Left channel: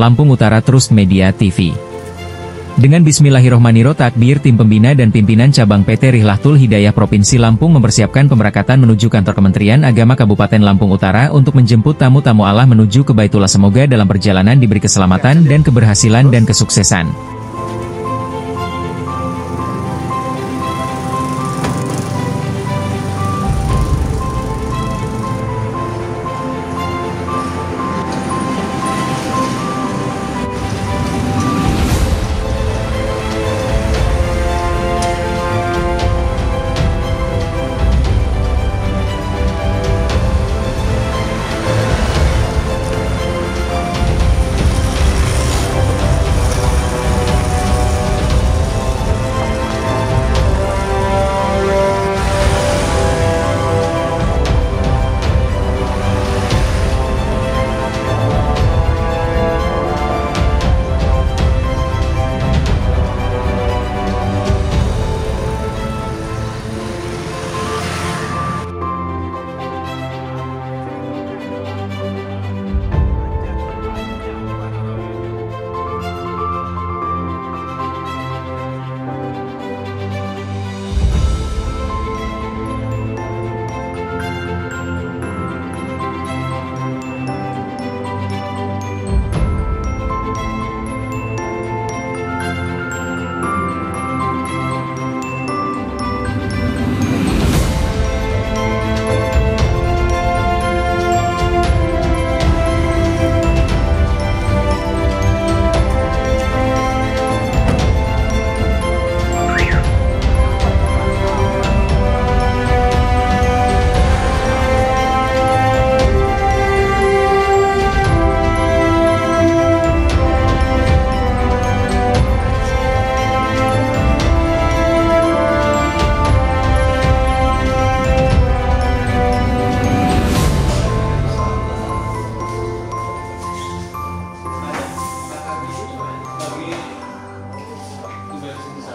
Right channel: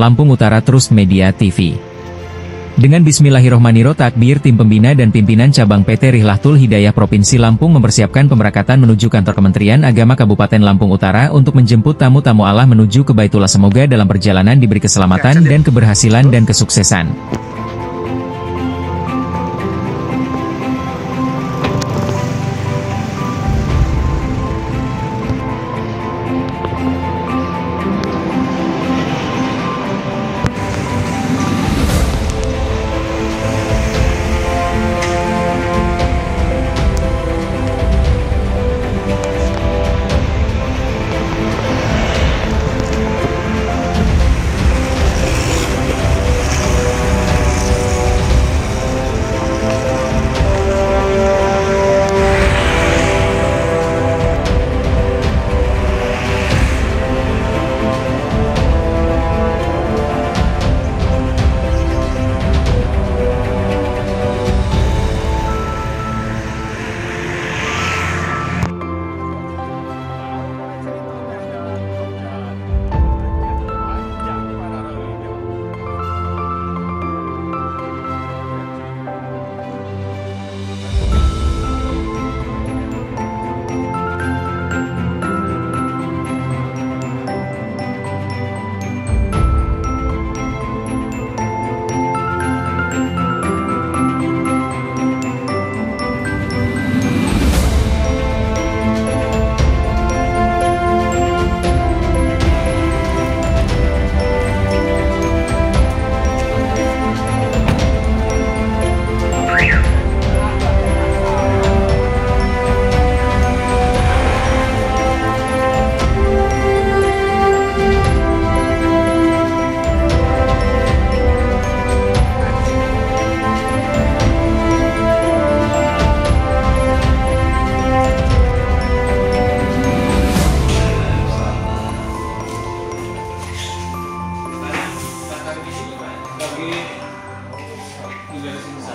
Lampung Utara Trust Media TV. Dengan bismillahirrohmanirrohim takbir, tim pembina dan pimpinan cabang PT Rihlatul Hidayah Provinsi Lampung mempersiapkan pemberangkatan menuju kantor Kementerian Agama Kabupaten Lampung Utara untuk menjemput tamu-tamu Allah menuju ke Baitullah. Semoga dalam perjalanan diberi keselamatan dan keberhasilan dan kesuksesan.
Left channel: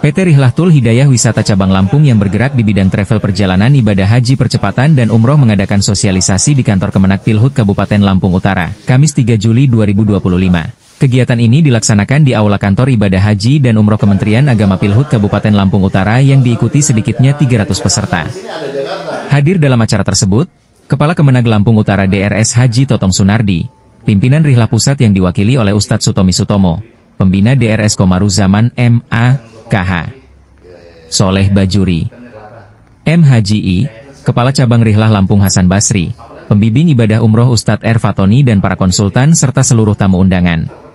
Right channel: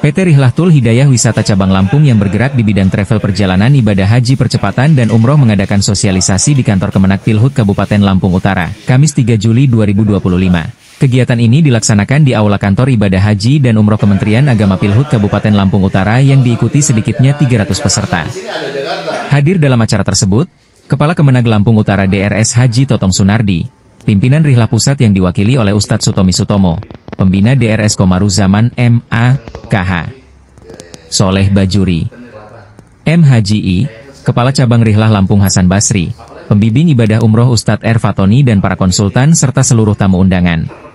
PT Rihlatul Hidayah Wisata Cabang Lampung yang bergerak di bidang travel perjalanan ibadah haji percepatan dan umroh mengadakan sosialisasi di kantor Kemenak Pilhut Kabupaten Lampung Utara, Kamis 3 Juli 2025. Kegiatan ini dilaksanakan di Aula Kantor Ibadah Haji dan Umroh Kementerian Agama Pilhut Kabupaten Lampung Utara yang diikuti sedikitnya 300 peserta. Hadir dalam acara tersebut, Kepala Kemenag Lampung Utara DRS Haji Totong Sunardi, pimpinan Rihlah Pusat yang diwakili oleh Ustadz Sutomi Sutomo, Pembina DRS Komaruzaman M.A. KH. Soleh Bajuri, M.H.J.I., Kepala Cabang Rihlah Lampung Hasan Basri, Pembimbing Ibadah Umroh Ustadz R. Fatoni dan para konsultan serta seluruh tamu undangan.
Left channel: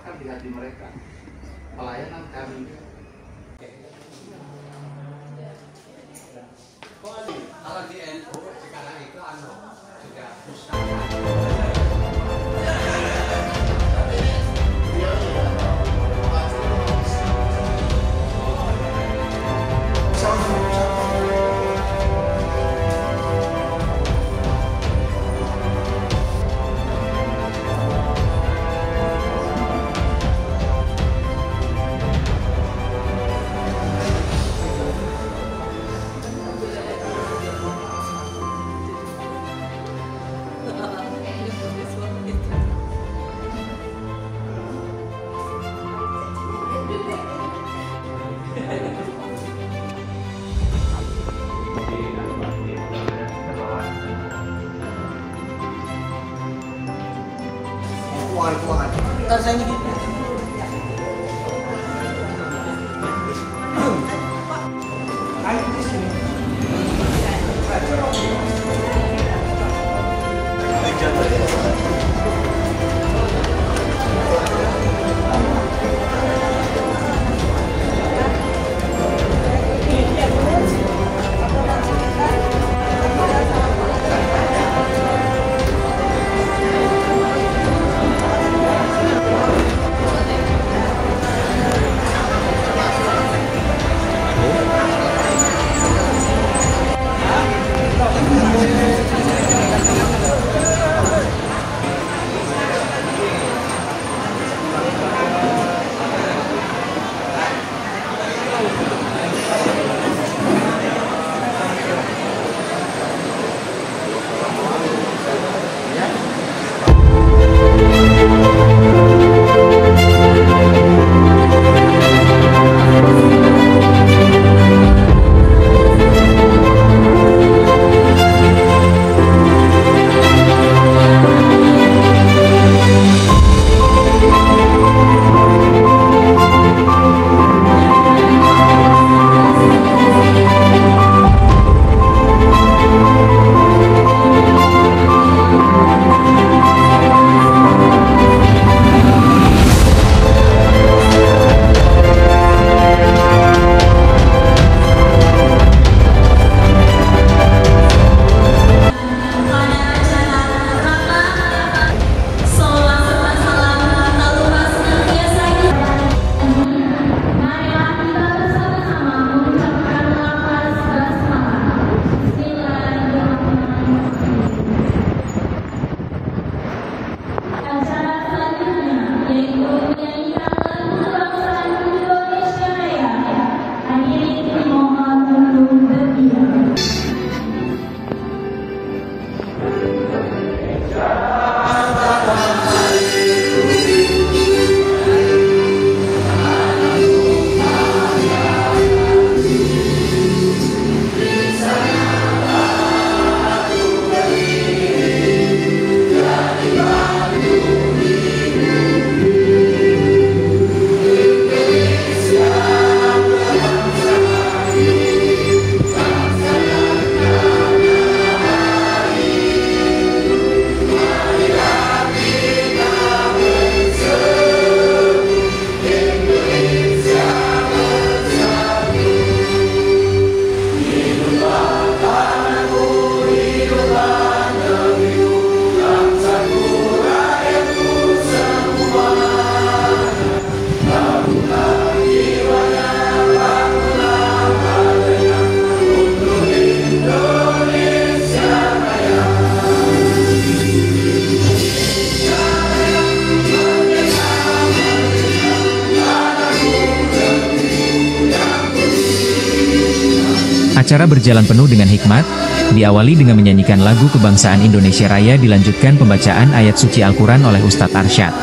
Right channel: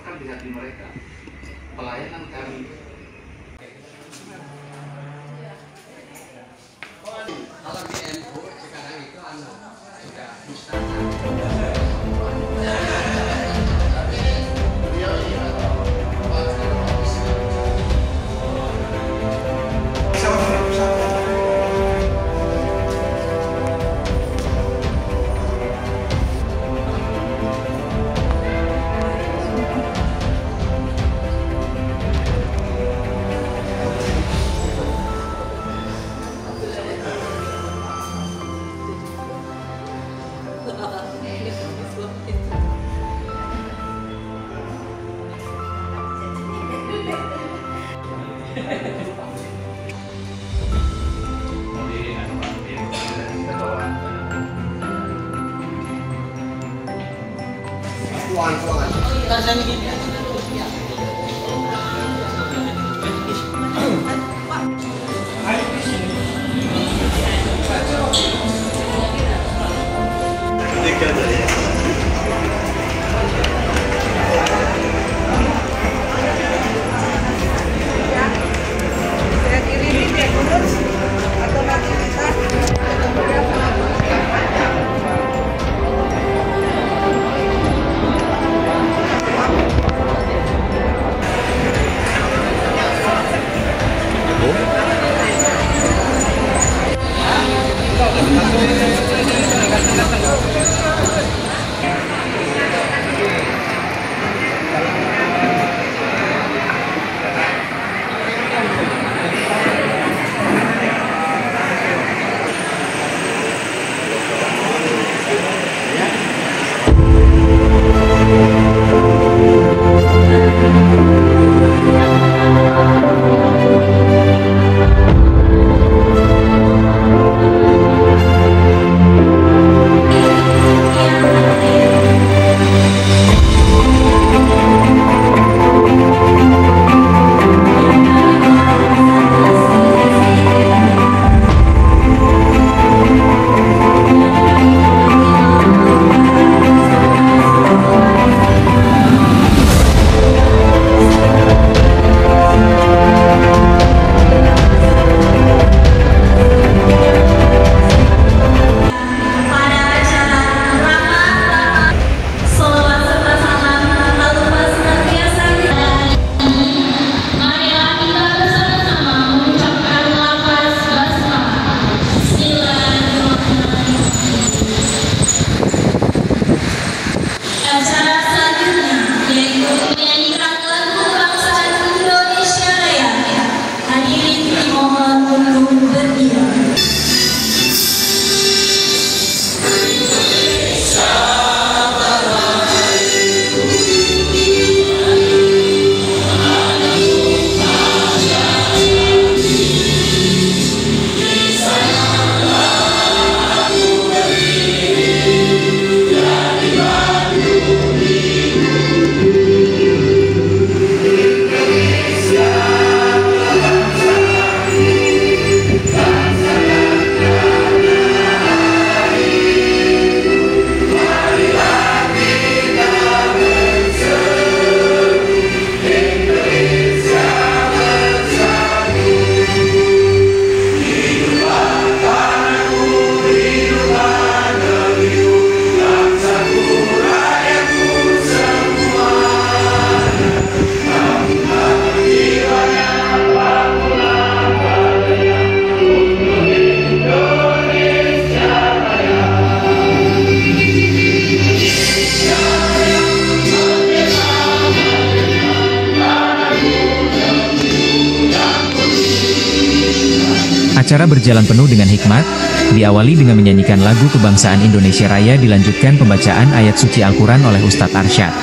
Acara berjalan penuh dengan hikmat, diawali dengan menyanyikan lagu kebangsaan Indonesia Raya, dilanjutkan pembacaan ayat suci Al-Quran oleh Ustadz Arsyad.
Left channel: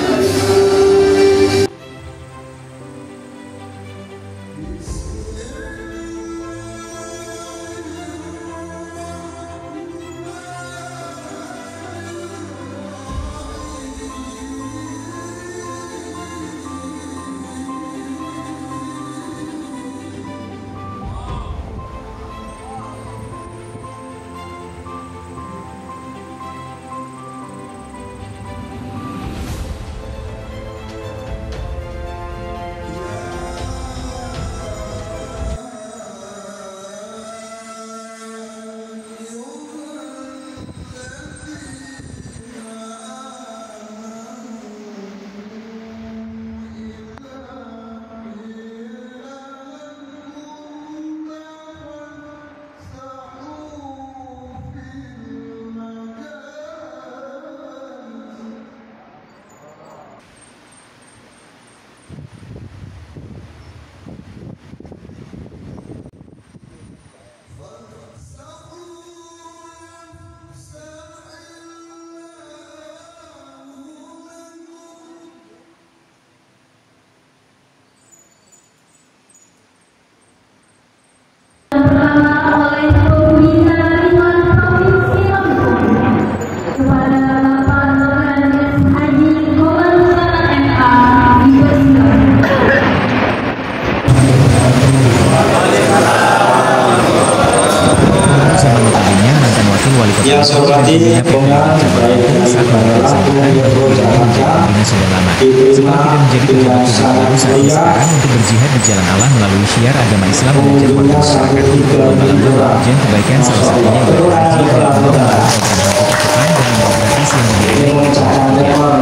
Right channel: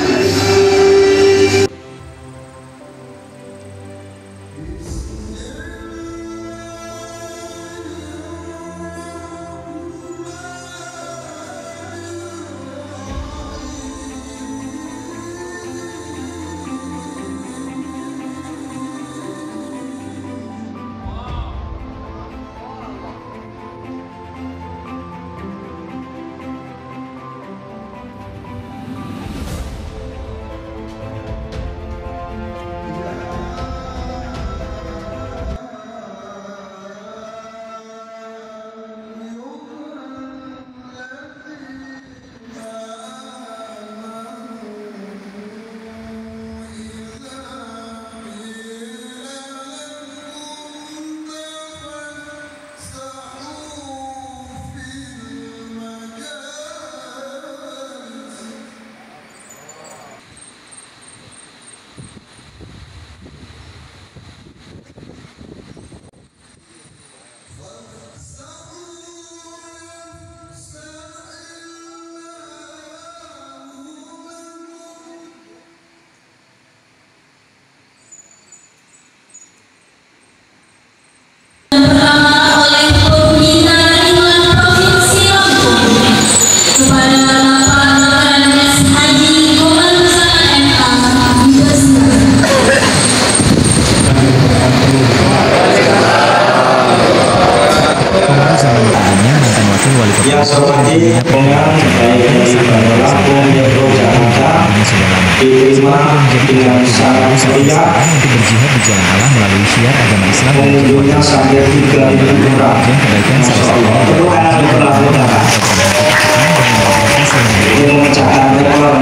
Wali Kota Solo dan pembina PTRI Cabang Lampung saat memberikan sambutan bagi dirinya menjadi pembina sudah lama. Setelah tidak menjadi pejabat publik baru saat ini sekarang untuk berjihad di jalan Allah melalui syiar agama Islam, mengajak warga masyarakat untuk berlomba-lomba memuji kebaikan, salah satunya ibadah haji dengan program haji cepat dan umroh gratis yang dibiayai.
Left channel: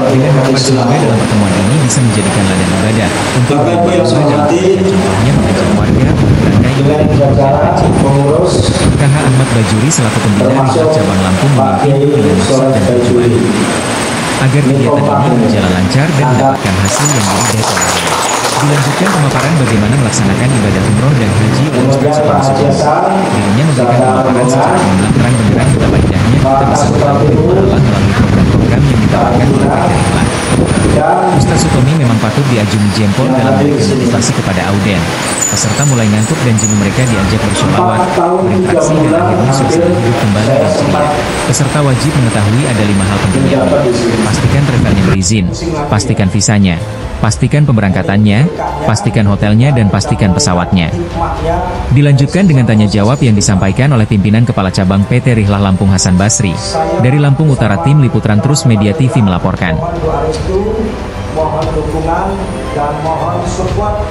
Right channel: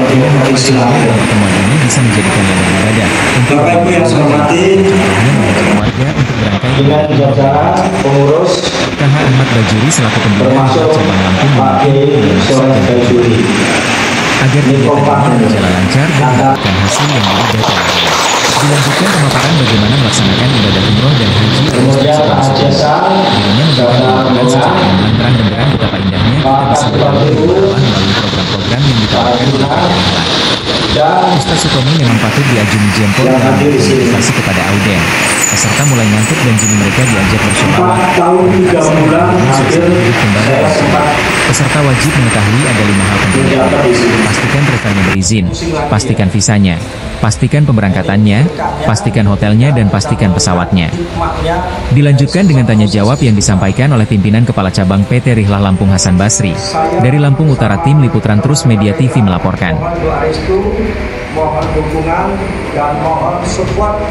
Dengan harapan semoga dalam pertemuan ini bisa menjadikan ladang ibadah untuk berlomba-lomba dalam kebaikan, contohnya mengajak warga untuk berangkai ibadah umroh dan haji. KH Ahmad Bajuri selaku pembina Cabang Lampung memimpin dengan maksud dan tujuan agar kegiatan ini berjalan lancar dan mendapatkan hasil yang diidamkan. Dilanjutkan pemaparan bagaimana melaksanakan ibadah umroh dan haji oleh Ustaz Sutomi Sujana. Dirinya memberikan pemaparan secara gamblang terang benderang betapa indahnya kita bisa bertemu di rumah Allah melalui program-program yang ditawarkan oleh PTRI. Ustaz Sutomi memang patut diajungi jempol dalam motivasi kepada auden. Peserta mulai ngantuk dan jini mereka diajak bersolawat, berinteraksi dan akhirnya suasana hidup kembali dan ceria. Peserta wajib mengetahui ada 5 hal pentingnya. Pastikan travelnya berizin, pastikan visanya, pastikan pemberangkatannya, pastikan hotelnya dan pastikan pesawatnya. Dilanjutkan dengan tanya jawab yang disampaikan oleh pimpinan Kepala Cabang PT Rihlah Lampung Hasan Basri. Dari Lampung Utara, tim Liputan Trus Media TV melaporkan. Mohon dukungan dan mohon support.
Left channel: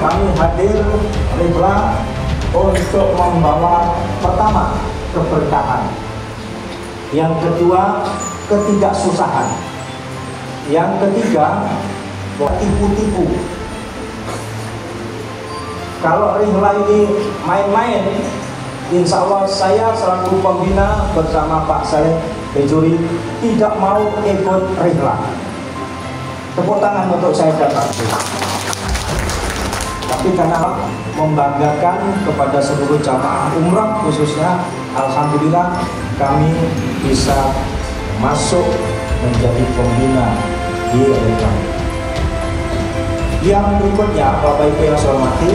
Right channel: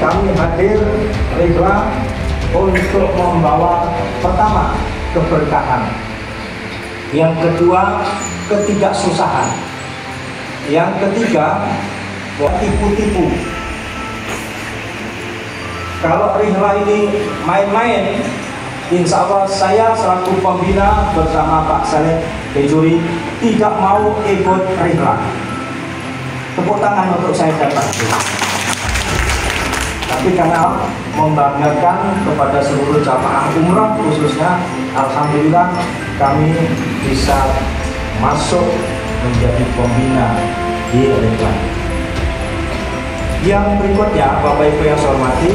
Kami hadir Rihlah untuk membawa pertama keberkahan, yang kedua ketidaksusahan, yang ketiga tipu-tipu. Kalau Rihlah ini main-main, insya Allah saya selaku pembina bersama Pak Saleh Bajuri tidak mau ikut Rihlah. Tepuk tangan untuk saya dan Pak. Tapi karena membanggakan kepada seluruh jamaah umrah khususnya, alhamdulillah kami bisa masuk menjadi pembina di Rihlah. Yang berikutnya, Bapak Ibu yang saya hormati,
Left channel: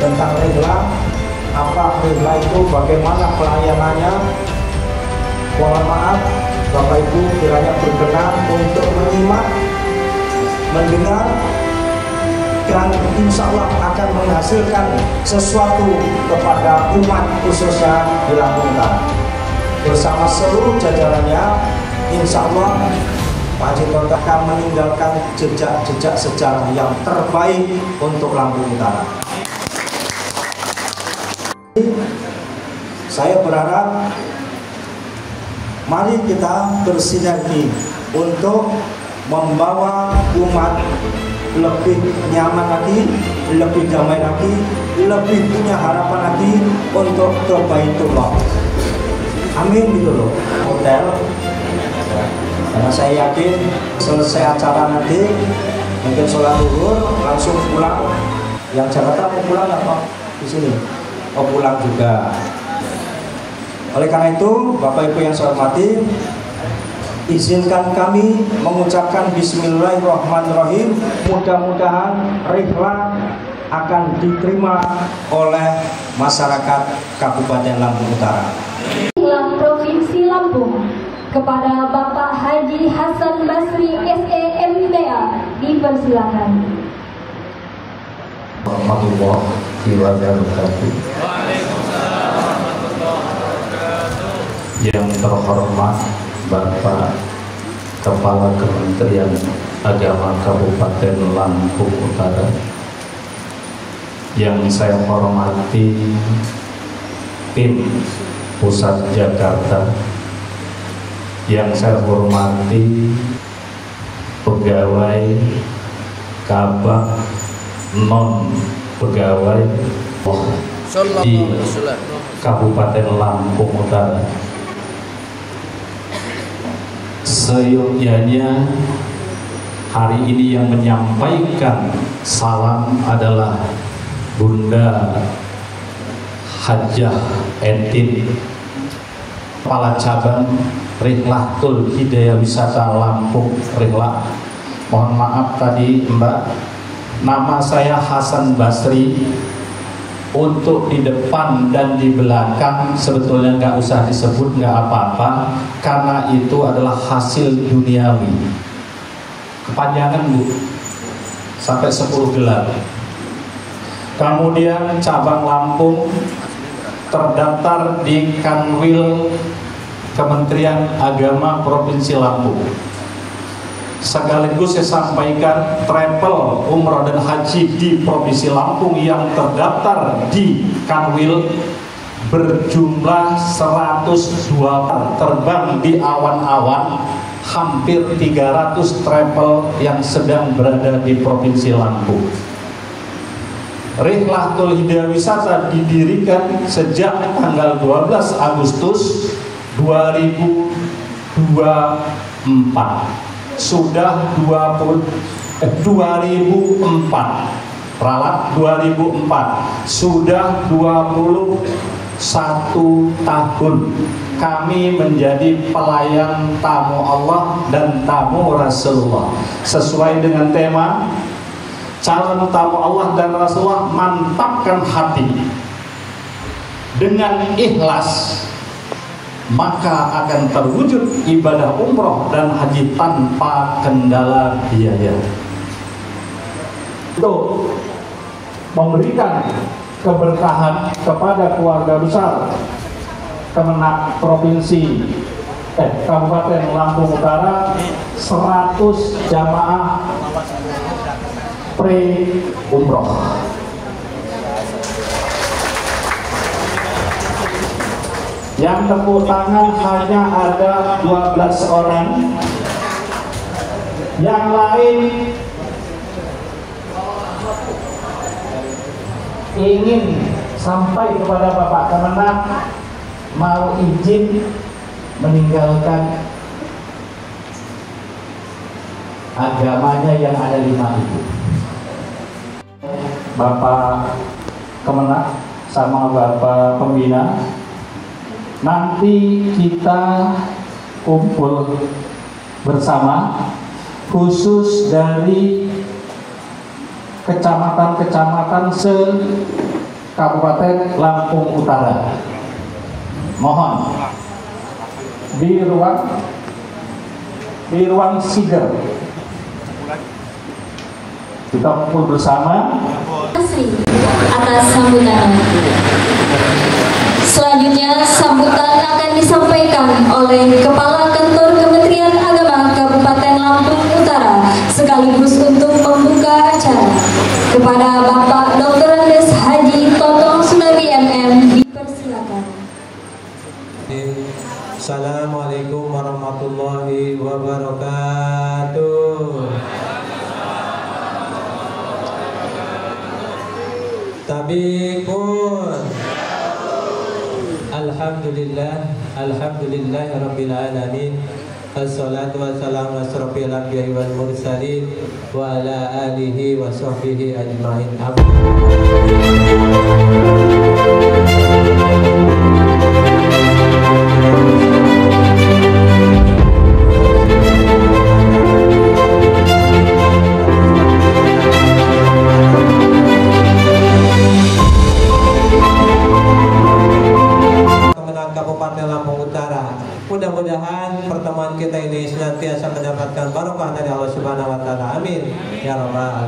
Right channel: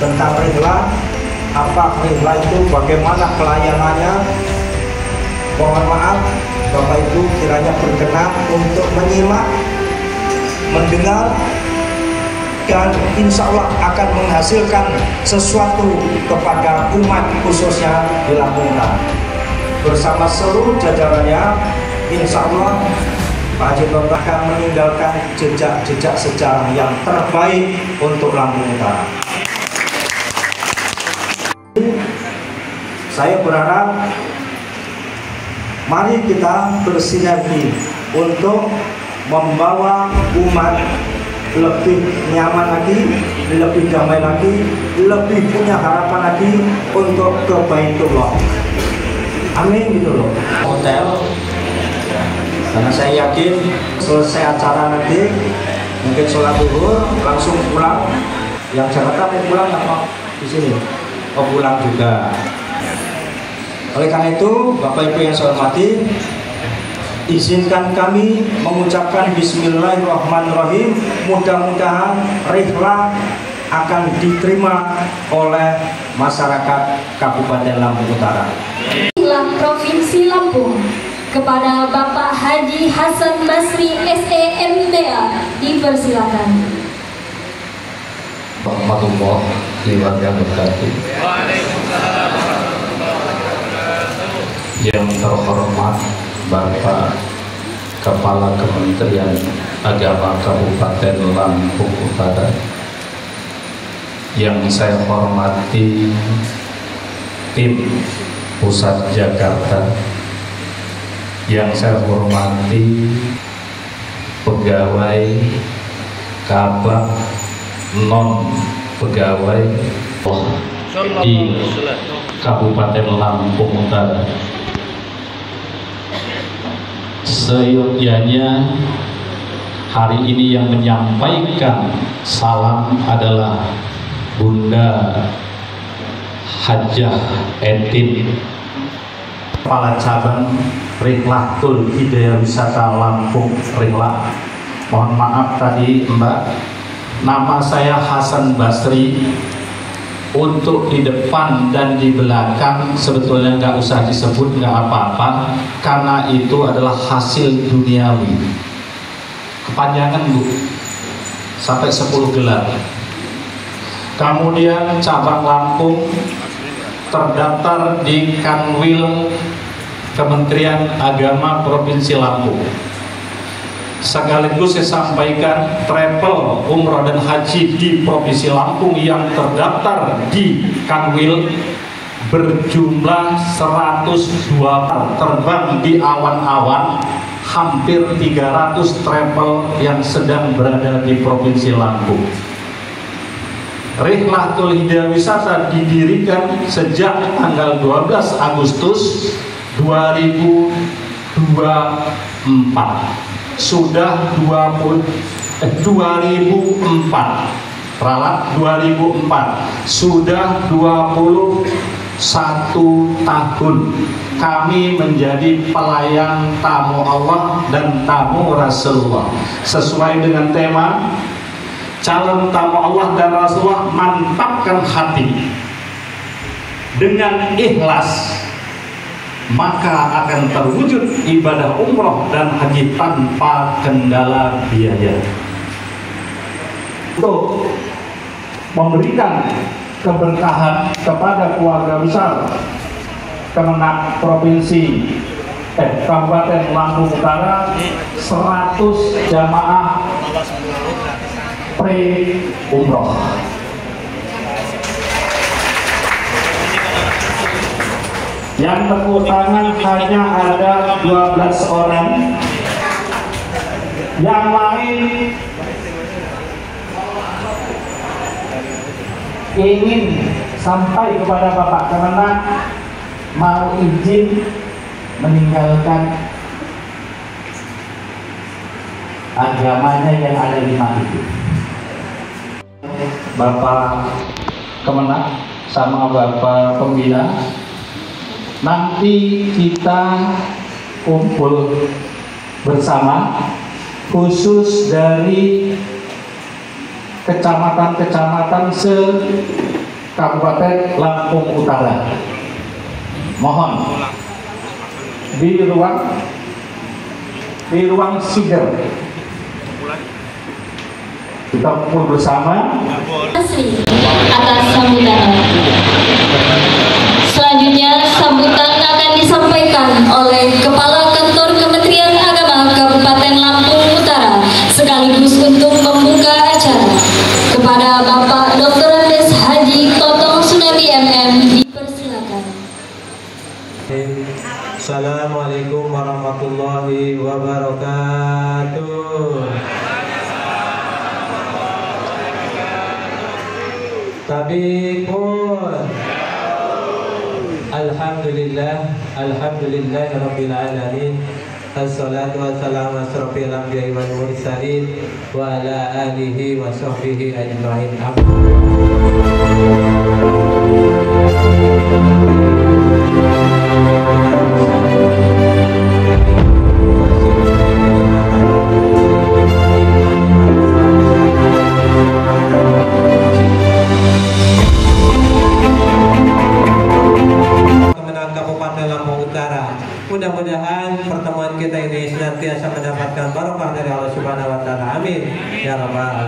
tentang Rihlah, apa Rihlah itu, bagaimana pelayanannya. Mohon maaf Bapak Ibu kiranya berkenan untuk menyimak, mendengar, dan insya Allah akan menghasilkan sesuatu kepada umat khususnya di Lampung Utara. Bersama seluruh jajarannya, insya Allah Pak Haji Tonton akan meninggalkan jejak-jejak sejarah yang terbaik untuk Lampung Utara. Saya berharap mari kita bersinergi untuk membawa umat lebih nyaman lagi, lebih damai lagi, lebih punya harapan lagi untuk ke Baitullah. Amin gitu loh. Hotel, karena saya yakin selesai acara nanti mungkin sholat zuhur langsung pulang. Yang Jakarta mau pulang apa di sini? pulang juga. Oleh karena itu, Bapak Ibu yang saya hormati, izinkan kami mengucapkan Bismillahirrahmanirrahim. Mudah-mudahan rihlah akan diterima oleh masyarakat Kabupaten Lampung Utara. Provinsi Lampung kepada Bapak Haji Hasan Basri SEMBA dipersilakan. Warahmatullahi wabarakatuh. Yang terhormat Bapak Kepala Kementerian Agama Kabupaten Lampung Utara, yang saya hormati tim Pusat Jakarta, yang saya hormati pegawai Kabak non pegawai di Kabupaten Lampung Utara. Seyogyanya hari ini yang menyampaikan salam adalah Bunda Hajah Entin, Kepala Cabang Rihlatul Hidayah Wisata Lampung Rihlah. Mohon maaf tadi Mbak, nama saya Hasan Basri. Untuk di depan dan di belakang sebetulnya nggak usah disebut, nggak apa-apa, karena itu adalah hasil duniawi. Kepanjangan Bu, sampai 10 gelar. Kemudian cabang Lampung terdaftar di Kanwil Kementerian Agama Provinsi Lampung. Sekaligus saya sampaikan travel umroh dan haji di Provinsi Lampung yang terdaftar di Kanwil berjumlah 102 terbang di awan-awan, hampir 300 travel yang sedang berada di Provinsi Lampung. Rihlatul Hidayah Wisata didirikan sejak tanggal 12 Agustus 2024. Sudah 2004 ralat 2004, sudah 21 tahun kami menjadi pelayan tamu Allah dan tamu Rasulullah. Sesuai dengan tema calon tamu Allah dan Rasulullah, mantapkan hati dengan ikhlas, maka akan terwujud ibadah umroh dan haji tanpa kendala biaya. Untuk memberikan keberkahan kepada keluarga besar Kemenak Provinsi Kabupaten Lampung Utara, 100 jamaah pre-umroh. Yang tepuk tangan hanya ada 12 orang. Yang lain ingin sampai kepada Bapak Kemenak, mau izin meninggalkan agamanya yang ada di itu. Bapak Kemenak sama Bapak Pembina, nanti kita kumpul bersama khusus dari kecamatan-kecamatan se-Kabupaten Lampung Utara. Mohon di ruang Siger kita kumpul bersama. Asri atas sambutan. Selanjutnya sambutan akan disampaikan oleh Kepala Kantor Kementerian Agama Kabupaten Lampung Utara sekaligus untuk membuka acara. Kepada Bapak Dr. Andes Haji Totong Sunadi MM dipersilakan. Assalamualaikum warahmatullahi wabarakatuh. Tabikun. Alhamdulillah rabbil alamin. Assalatu wassalamu asrofil anbiya'i wal mursalin wa ala alihi wa sahbihi ajma'in.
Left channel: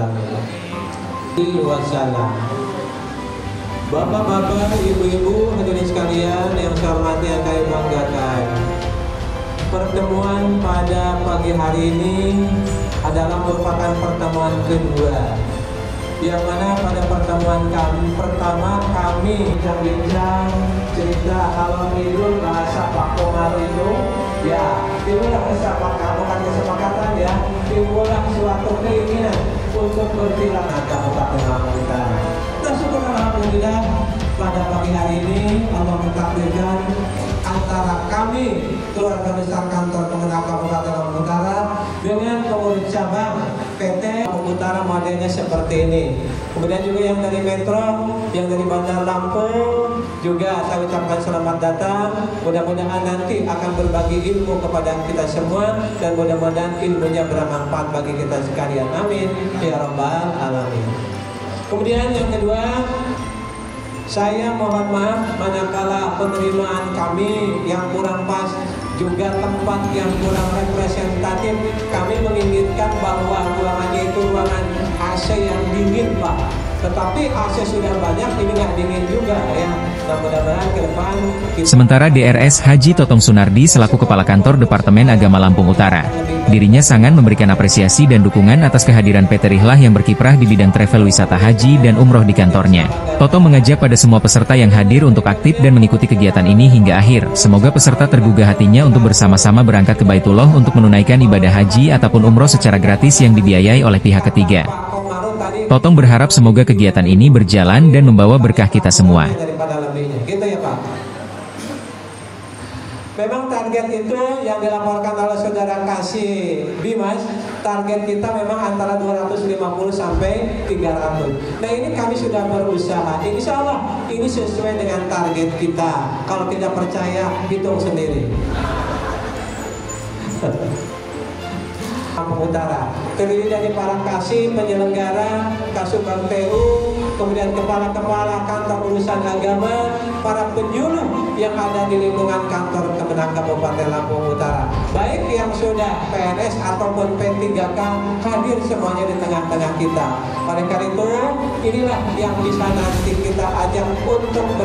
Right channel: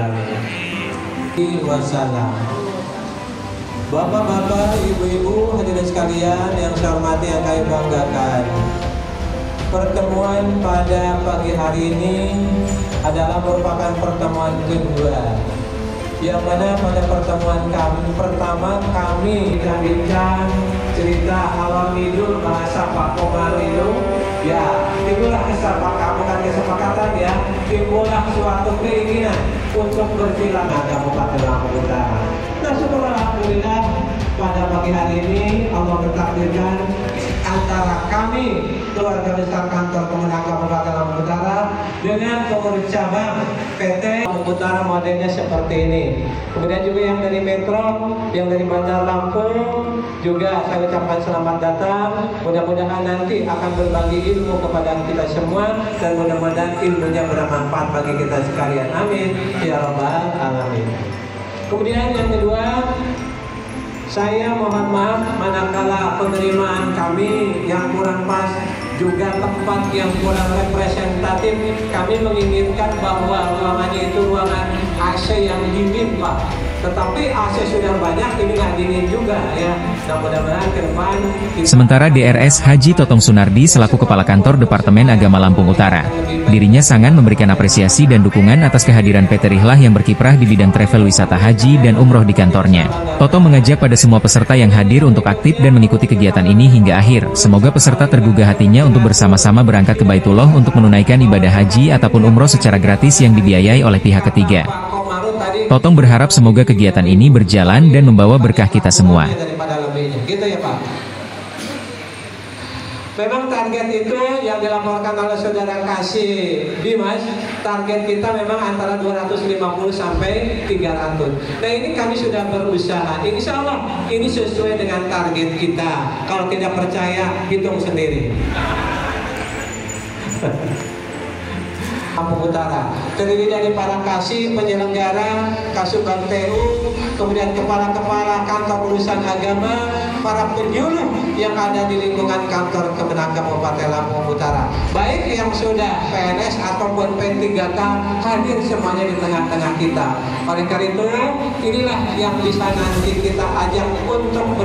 alamin. Wassalam. Bapak-bapak, ibu-ibu, hadirin sekalian yang saya hormati, yang kami banggakan, pertemuan pada pagi hari ini adalah merupakan pertemuan kedua, yang mana pada pertemuan kami pertama kami bincang-bincang cerita halal ngidul bahasa Pak Komar itu, ya itulah kesepakatan ya, timbullah suatu keinginan untuk bersilaturahmi Kabupaten Lampung Utara. Nah, syukur alhamdulillah pada pagi hari ini Allah mentakdirkan antara kami keluarga besar kantor Kemenang Kabupaten Lampung Utara dengan pengurus cabang PT Lampung Utara modelnya seperti ini. Kemudian juga yang dari Metro, yang dari Bandar Lampung juga saya ucapkan selamat datang. Mudah-mudahan nanti akan berbagi ilmu kepada kita semua dan mudah-mudahan ilmunya bermanfaat bagi kita sekalian. Amin ya rabbal alamin. Kemudian yang kedua, saya mohon maaf manakala penerimaan kami yang kurang pas, juga tempat yang kurang representatif. Kami menginginkan bahwa ruangannya itu ruangan AC yang dingin, Pak. Tetapi AC sudah banyak, ini nggak dingin juga ya. Nah, mudah-mudahan ke depan Sementara DRS Haji Totong Sunardi selaku Kepala Kantor Departemen Agama Lampung Utara, dirinya sangat memberikan apresiasi dan dukungan atas kehadiran PT Rihlah yang berkiprah di bidang travel wisata haji dan umroh di kantornya. Toto mengajak pada semua peserta yang hadir untuk aktif dan mengikuti kegiatan ini hingga akhir. Semoga peserta tergugah hatinya untuk bersama-sama berangkat ke Baitullah untuk menunaikan ibadah haji ataupun umroh secara gratis yang dibiayai oleh pihak ketiga. Totong berharap semoga kegiatan ini berjalan dan membawa berkah kita semua. Daripada lebihnya, gitu ya Pak. Memang target itu yang dilaporkan oleh saudara Kasih Dimas, target kita memang antara 250 sampai 300. Nah, ini kami sudah berusaha. Insya Allah ini sesuai dengan target kita. Kalau tidak percaya, hitung sendiri. Lampung Utara terdiri dari para kasih penyelenggara, Kasukan PU, kemudian kepala-kepala kantor urusan agama, para penyuluh yang ada di lingkungan kantor Kemenang Kabupaten Lampung Utara, baik yang sudah PNS ataupun P3K, hadir semuanya di tengah-tengah kita. Oleh karena itu, inilah yang bisa nanti kita ajak untuk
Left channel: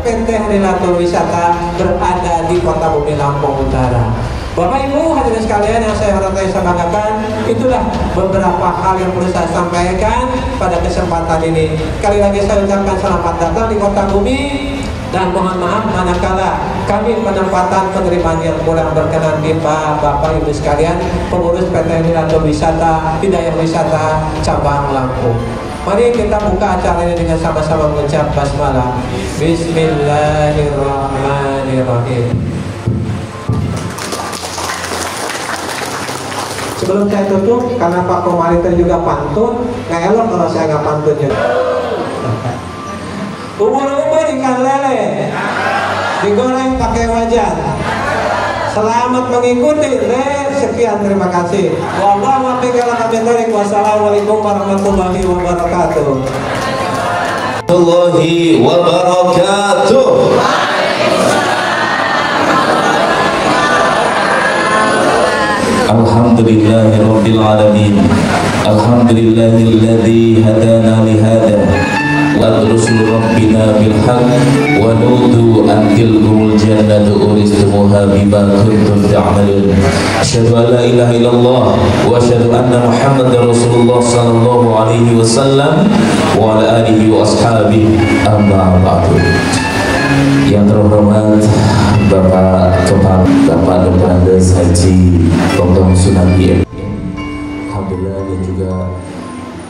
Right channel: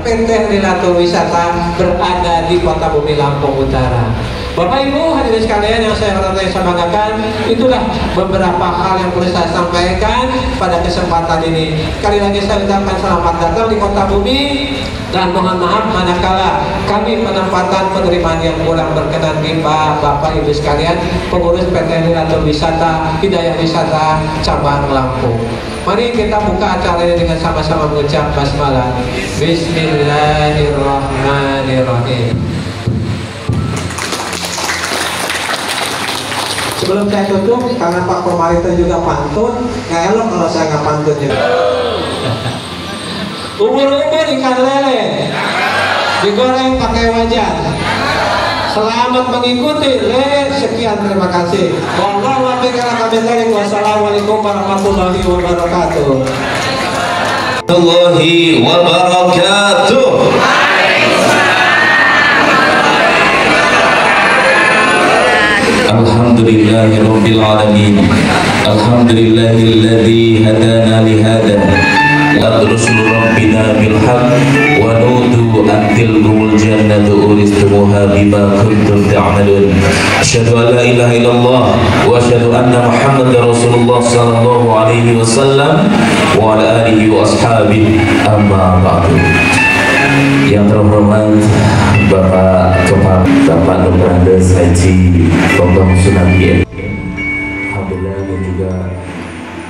PT Rihlatul Wisata berada di Kota Bumi Lampung Utara. Bapak Ibu hadirin sekalian yang saya hormati, saya banggakan, itulah beberapa hal yang perlu saya sampaikan pada kesempatan ini. Sekali lagi saya ucapkan selamat datang di Kota Bumi dan mohon maaf manakala kami penempatan penerimaan yang kurang berkenan di Bapak Ibu sekalian, pengurus PT Rihlatul Wisata, Hidayah Wisata Cabang Lampung. Mari kita buka acaranya dengan sama-sama mengucap basmalah. Bismillahirrahmanirrahim. Sebelum saya tutup, karena Pak Komarita juga pantun, nggak elok kalau saya nggak pantun juga. Umur-umur ikan lele, digoreng pakai wajan. Selamat mengikuti. Sekian, terima kasih. Wassalamualaikum warahmatullahi wabarakatuh. Warahmatullahi wabarakatuh. Alhamdulillahirabbil alamin. Alhamdulillahilladzi hadana li hada. La rusul rabbina bil haqq wa nudu an tilkumul jannatu uristumuha bima kuntum ta'malun. Asyhadu an la ilaha illallah wa asyhadu anna Muhammadar Rasulullah sallallahu alaihi wasallam wa ala alihi wa ashabihi, amma ba'du. Yang terhormat Bapak Kepala, Bapak Dr. Andes Haji Totong Sunardi, alhamdulillah, dan juga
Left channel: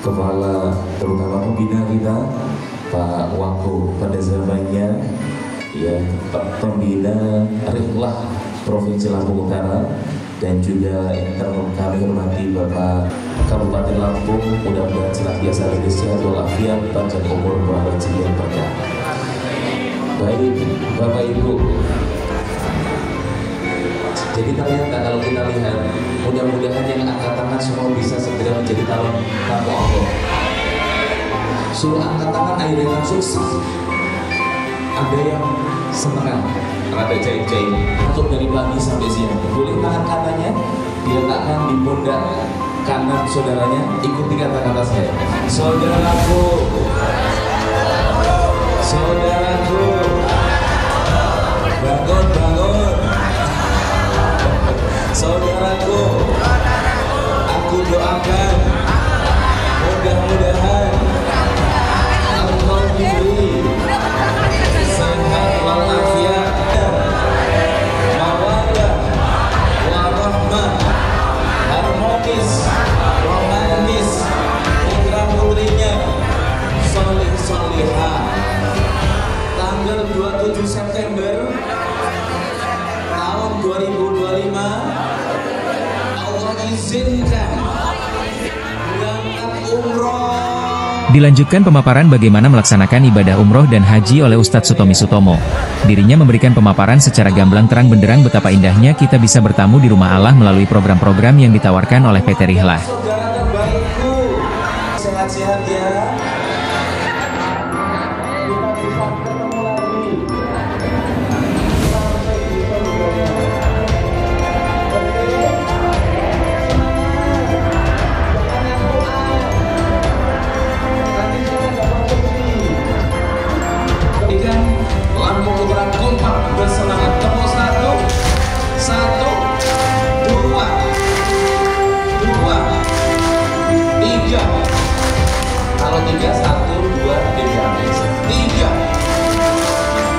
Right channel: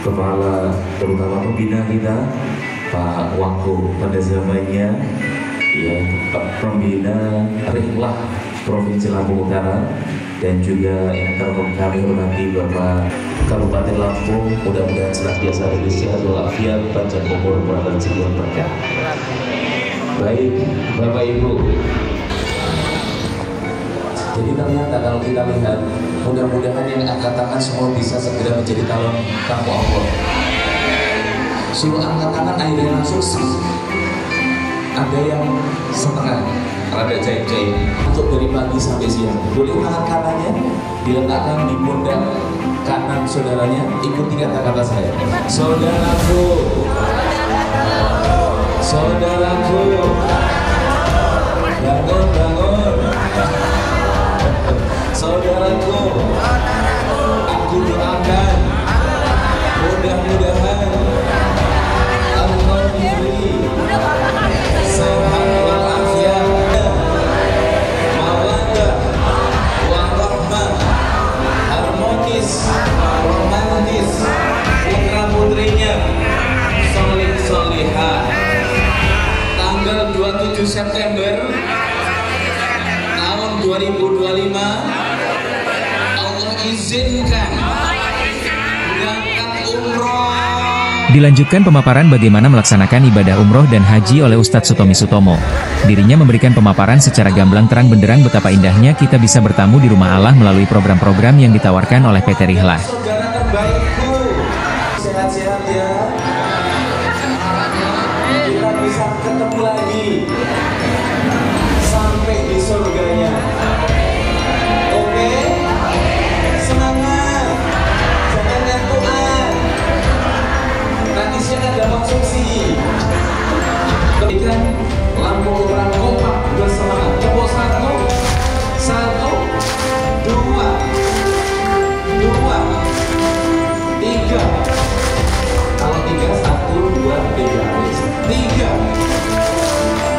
Kepala terutama pembina kita Pak Wako pada zamannya, ya, Pak Pembina Rihlah Provinsi Lampung Utara, dan juga yang kami hormati Bapak Kabupaten Lampung, mudah-mudahan senantiasa diberi sehat walafiat, panjang umur, murah rezeki yang berkah. Baik Bapak Ibu, jadi kalian kalau kita lihat, mudah-mudahan yang angkat tangan semua bisa segera menjadi calon tamu Allah. Suruh angkat tangan akhirnya langsung. Ada yang setengah, ada jahit-jahit. Untuk dari pagi sampai siang, boleh tangan kanannya diletakkan di pundak kanan saudaranya, ikuti kata-kata saya. Saudaraku, saudaraku, bangun, bangun. Saudaraku, aku doakan mudah-mudahan Allah diberi sehat walafiat, mawaddah warahmah, harmonis, romantis, putra-putrinya soleh-solehah. Tanggal 27 September tahun 2025 Allah izinkan berangkat umroh. Dilanjutkan pemaparan bagaimana melaksanakan ibadah umroh dan haji oleh Ustadz Sutomi Sutomo. Dirinya memberikan pemaparan secara gamblang terang benderang betapa indahnya kita bisa bertamu di rumah Allah melalui program-program yang ditawarkan oleh PT Rihlah. Saudara terbaikku, sehat-sehat ya. Kita bisa ketemu lagi sampai di surganya. Oke? Semangat, jangan ngantukan. Nanti sudah ada konsumsi. Berikan lampu terang kompak bersemangat. Tepuk satu, dua, tiga. Kalau tiga, satu, dua, tiga. Tiga.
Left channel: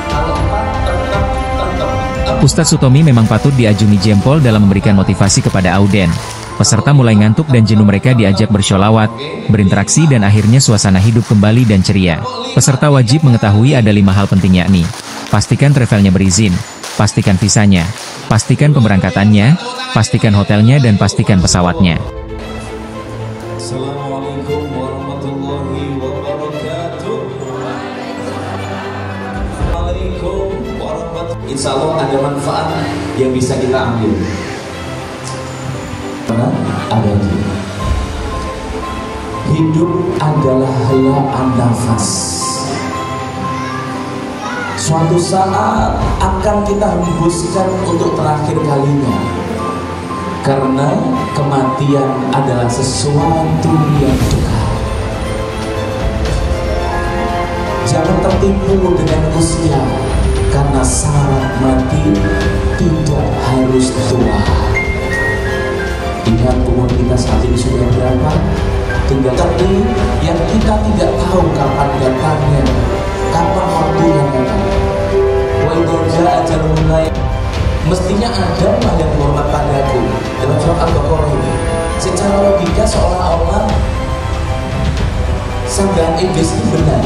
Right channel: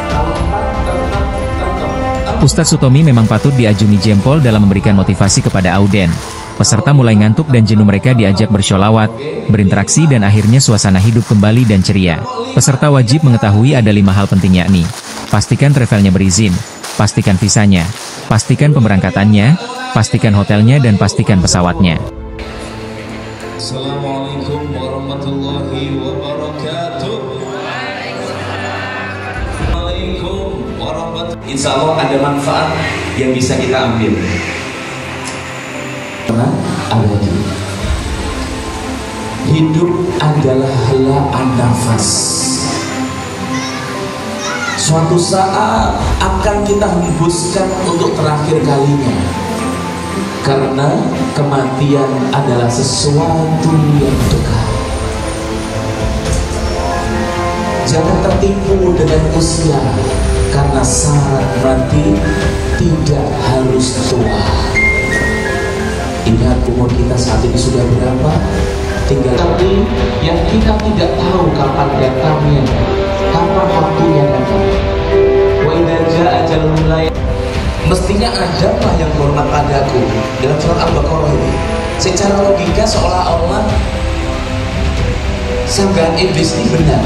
Kalau tetap. Ustadz Sutomi memang patut diajungi jempol dalam memberikan motivasi kepada auden. Peserta mulai ngantuk dan jenuh, mereka diajak bersholawat, berinteraksi dan akhirnya suasana hidup kembali dan ceria. Peserta wajib mengetahui ada 5 hal penting, yakni pastikan travelnya berizin, pastikan visanya, pastikan pemberangkatannya, pastikan hotelnya dan pastikan pesawatnya. Assalamualaikum warahmatullahi wabarakatuh. Assalamualaikum warahmatullahi. Insya Allah ada manfaat yang bisa kita ambil. Karena ada hidup adalah helaan nafas. Suatu saat akan kita hembuskan untuk terakhir kalinya. Karena kematian adalah sesuatu yang dekat. Jangan tertipu dengan usia, karena syarat mati tidak harus tua. Ingat umur kita saat ini sudah berapa? Tinggal tapi yang kita tidak tahu kapan datangnya, kapan waktunya datang. Wa idza jaa ajalun la. Mestinya Adam yang hormat padaku. Dalam surat Al-Baqarah ini, secara logika seolah-olah sanggahan iblis ini benar.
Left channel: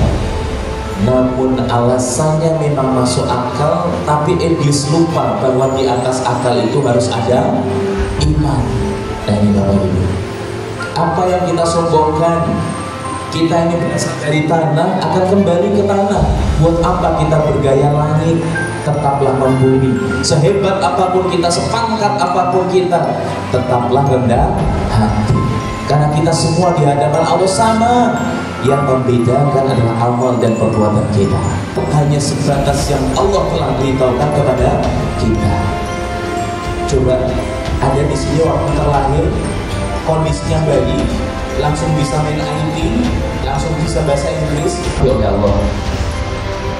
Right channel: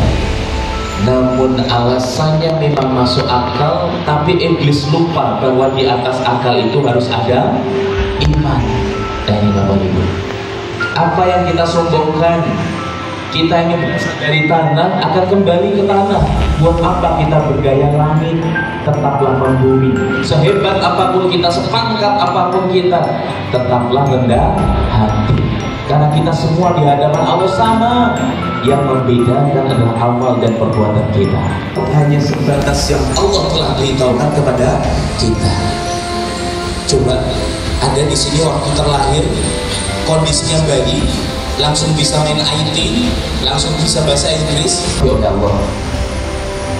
Namun alasannya memang masuk akal, tapi iblis lupa bahwa di atas akal itu harus ada iman. Nah ini Bapak Ibu, apa yang kita sombongkan, kita ini berasal dari tanah, akan kembali ke tanah. Buat apa kita bergaya langit? Tetaplah membumi. Sehebat apapun kita, sepangkat apapun kita, tetaplah rendah hati. Karena kita semua di hadapan Allah sama. Yang membedakan adalah amal dan perbuatan kita. Hanya sebatas yang Allah telah beritahukan kepada kita. Coba ada di sini waktu terlahir kondisinya bayi, langsung bisa main IT, langsung bisa bahasa Inggris. Ya Allah.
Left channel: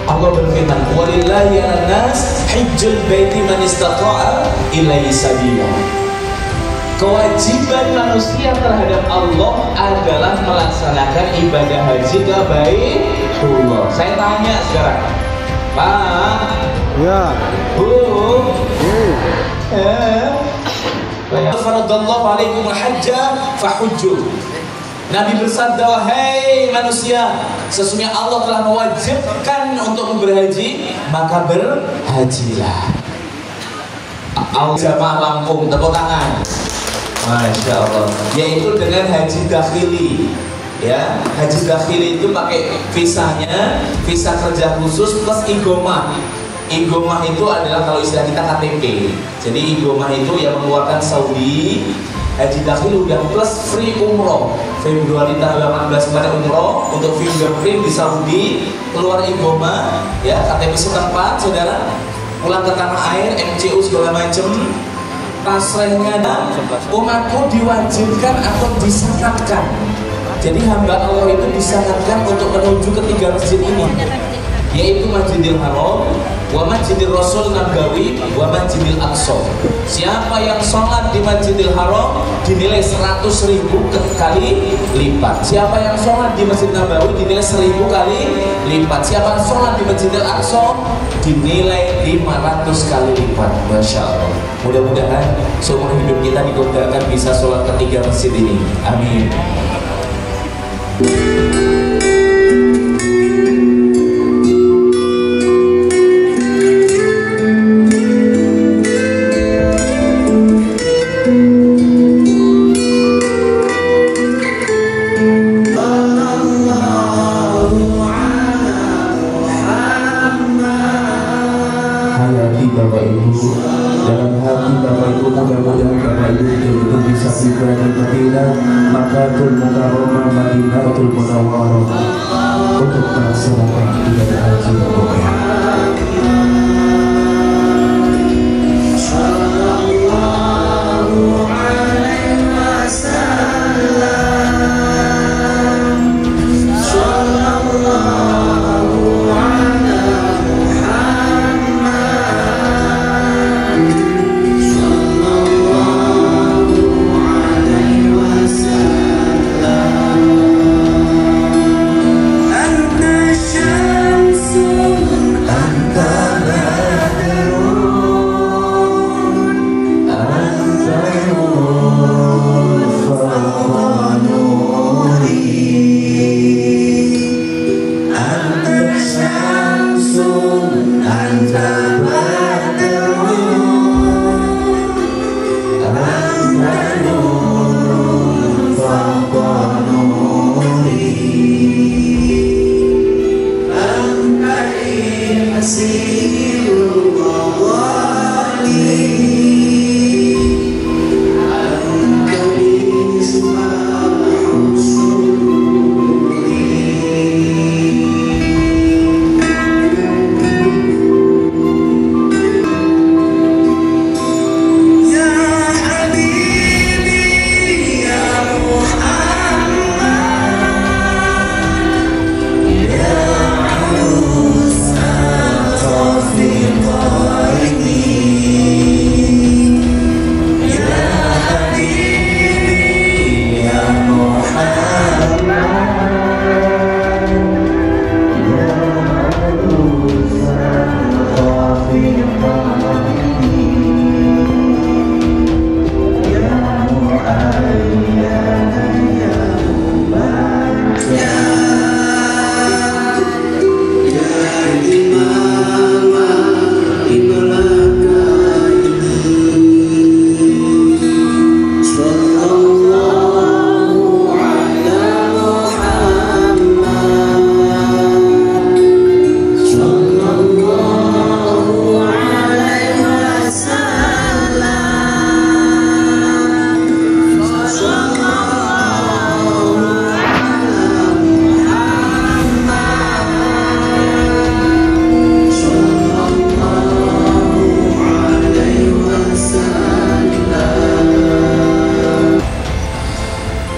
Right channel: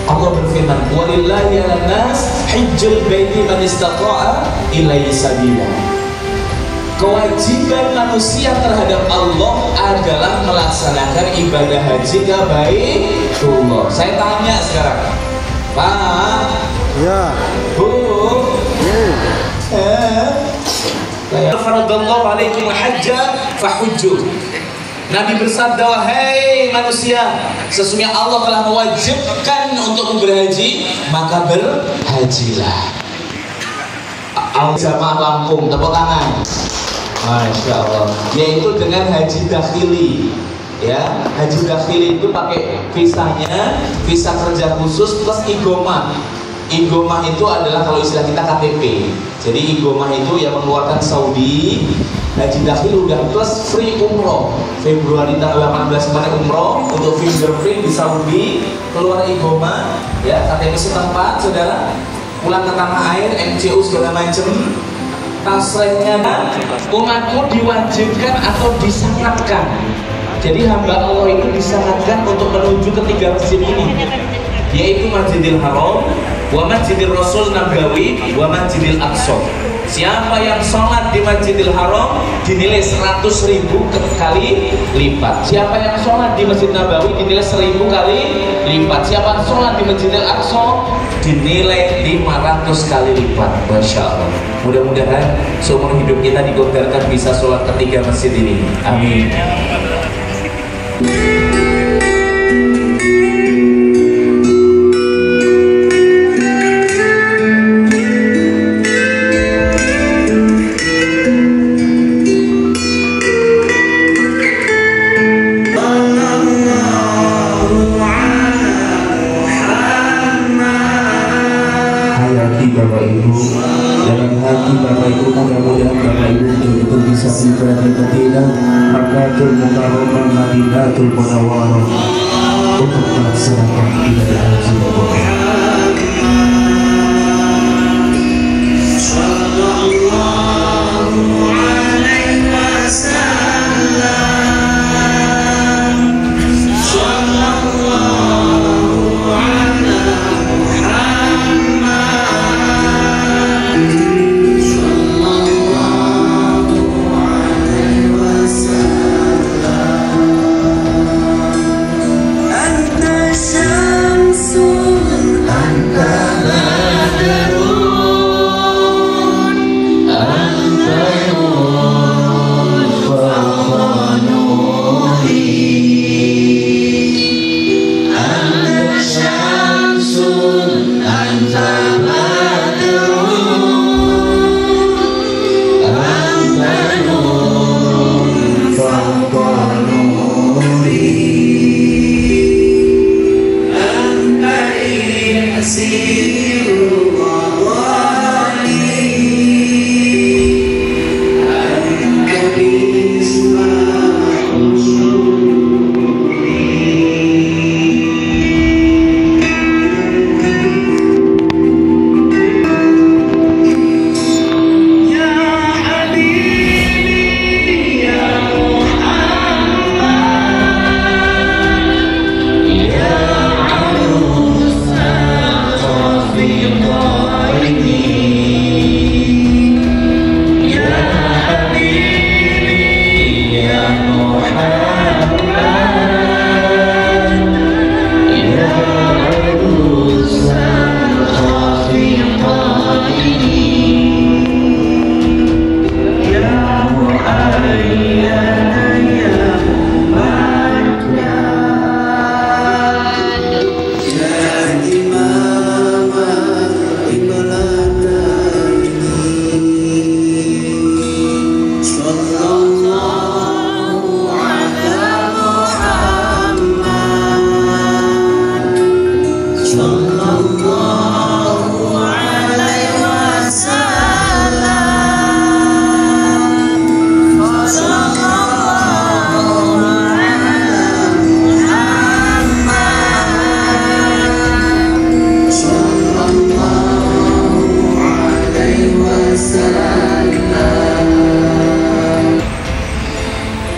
Allah berfirman, "Walillahi 'alan-nas hajjul baiti man istata'a ilaihi sabila." Kewajiban manusia terhadap Allah adalah melaksanakan ibadah haji ke Baitullah. Saya tanya sekarang, Pak, ya, Bu, faradallahu alaikum hajja fahujju. Nabi bersabda, wahai manusia, sesungguhnya Allah telah mewajibkan untuk berhaji, maka berhajilah. Al-Jamaah Lampung, tepuk tangan. Masya Allah. Yaitu dengan haji dakhili. Ya, haji dakhili itu pakai visanya, visa kerja khusus plus igomah. Igomah itu adalah kalau istilah kita KTP. Jadi igomah itu yang mengeluarkan Saudi. Haji dakhili udah plus free umroh. Februari tanggal 18 kemarin umroh untuk fingerprint di Saudi, keluar igomah, ya KTP setempat, saudara. Pulang ke tanah air, MCU segala macam. tasrehnya umatku diwajibkan atau disyaratkan. Jadi hamba Allah itu disyaratkan untuk menuju ketiga masjid ini, yaitu Masjidil Haram, wa Masjidil Rasul Nabawi, wa Masjidil Aqsa. Siapa yang sholat di Masjidil Haram dinilai 100.000 kali lipat. Siapa yang sholat di Masjid Nabawi dinilai 1000 kali lipat. Siapa yang sholat di Masjidil Aqsa dinilai 500 kali lipat. Masya Allah. Mudah-mudahan seumur hidup kita dikobarkan bisa sholat ketiga masjid ini. Amin. Bapak Ibu, dalam hati Bapak Ibu, mudah-mudahan Bapak Ibu betul-betul bisa tiba di Madinah, Makkatul Mukarramah, Madinatul Munawwarah untuk melaksanakan ibadah haji Bapak.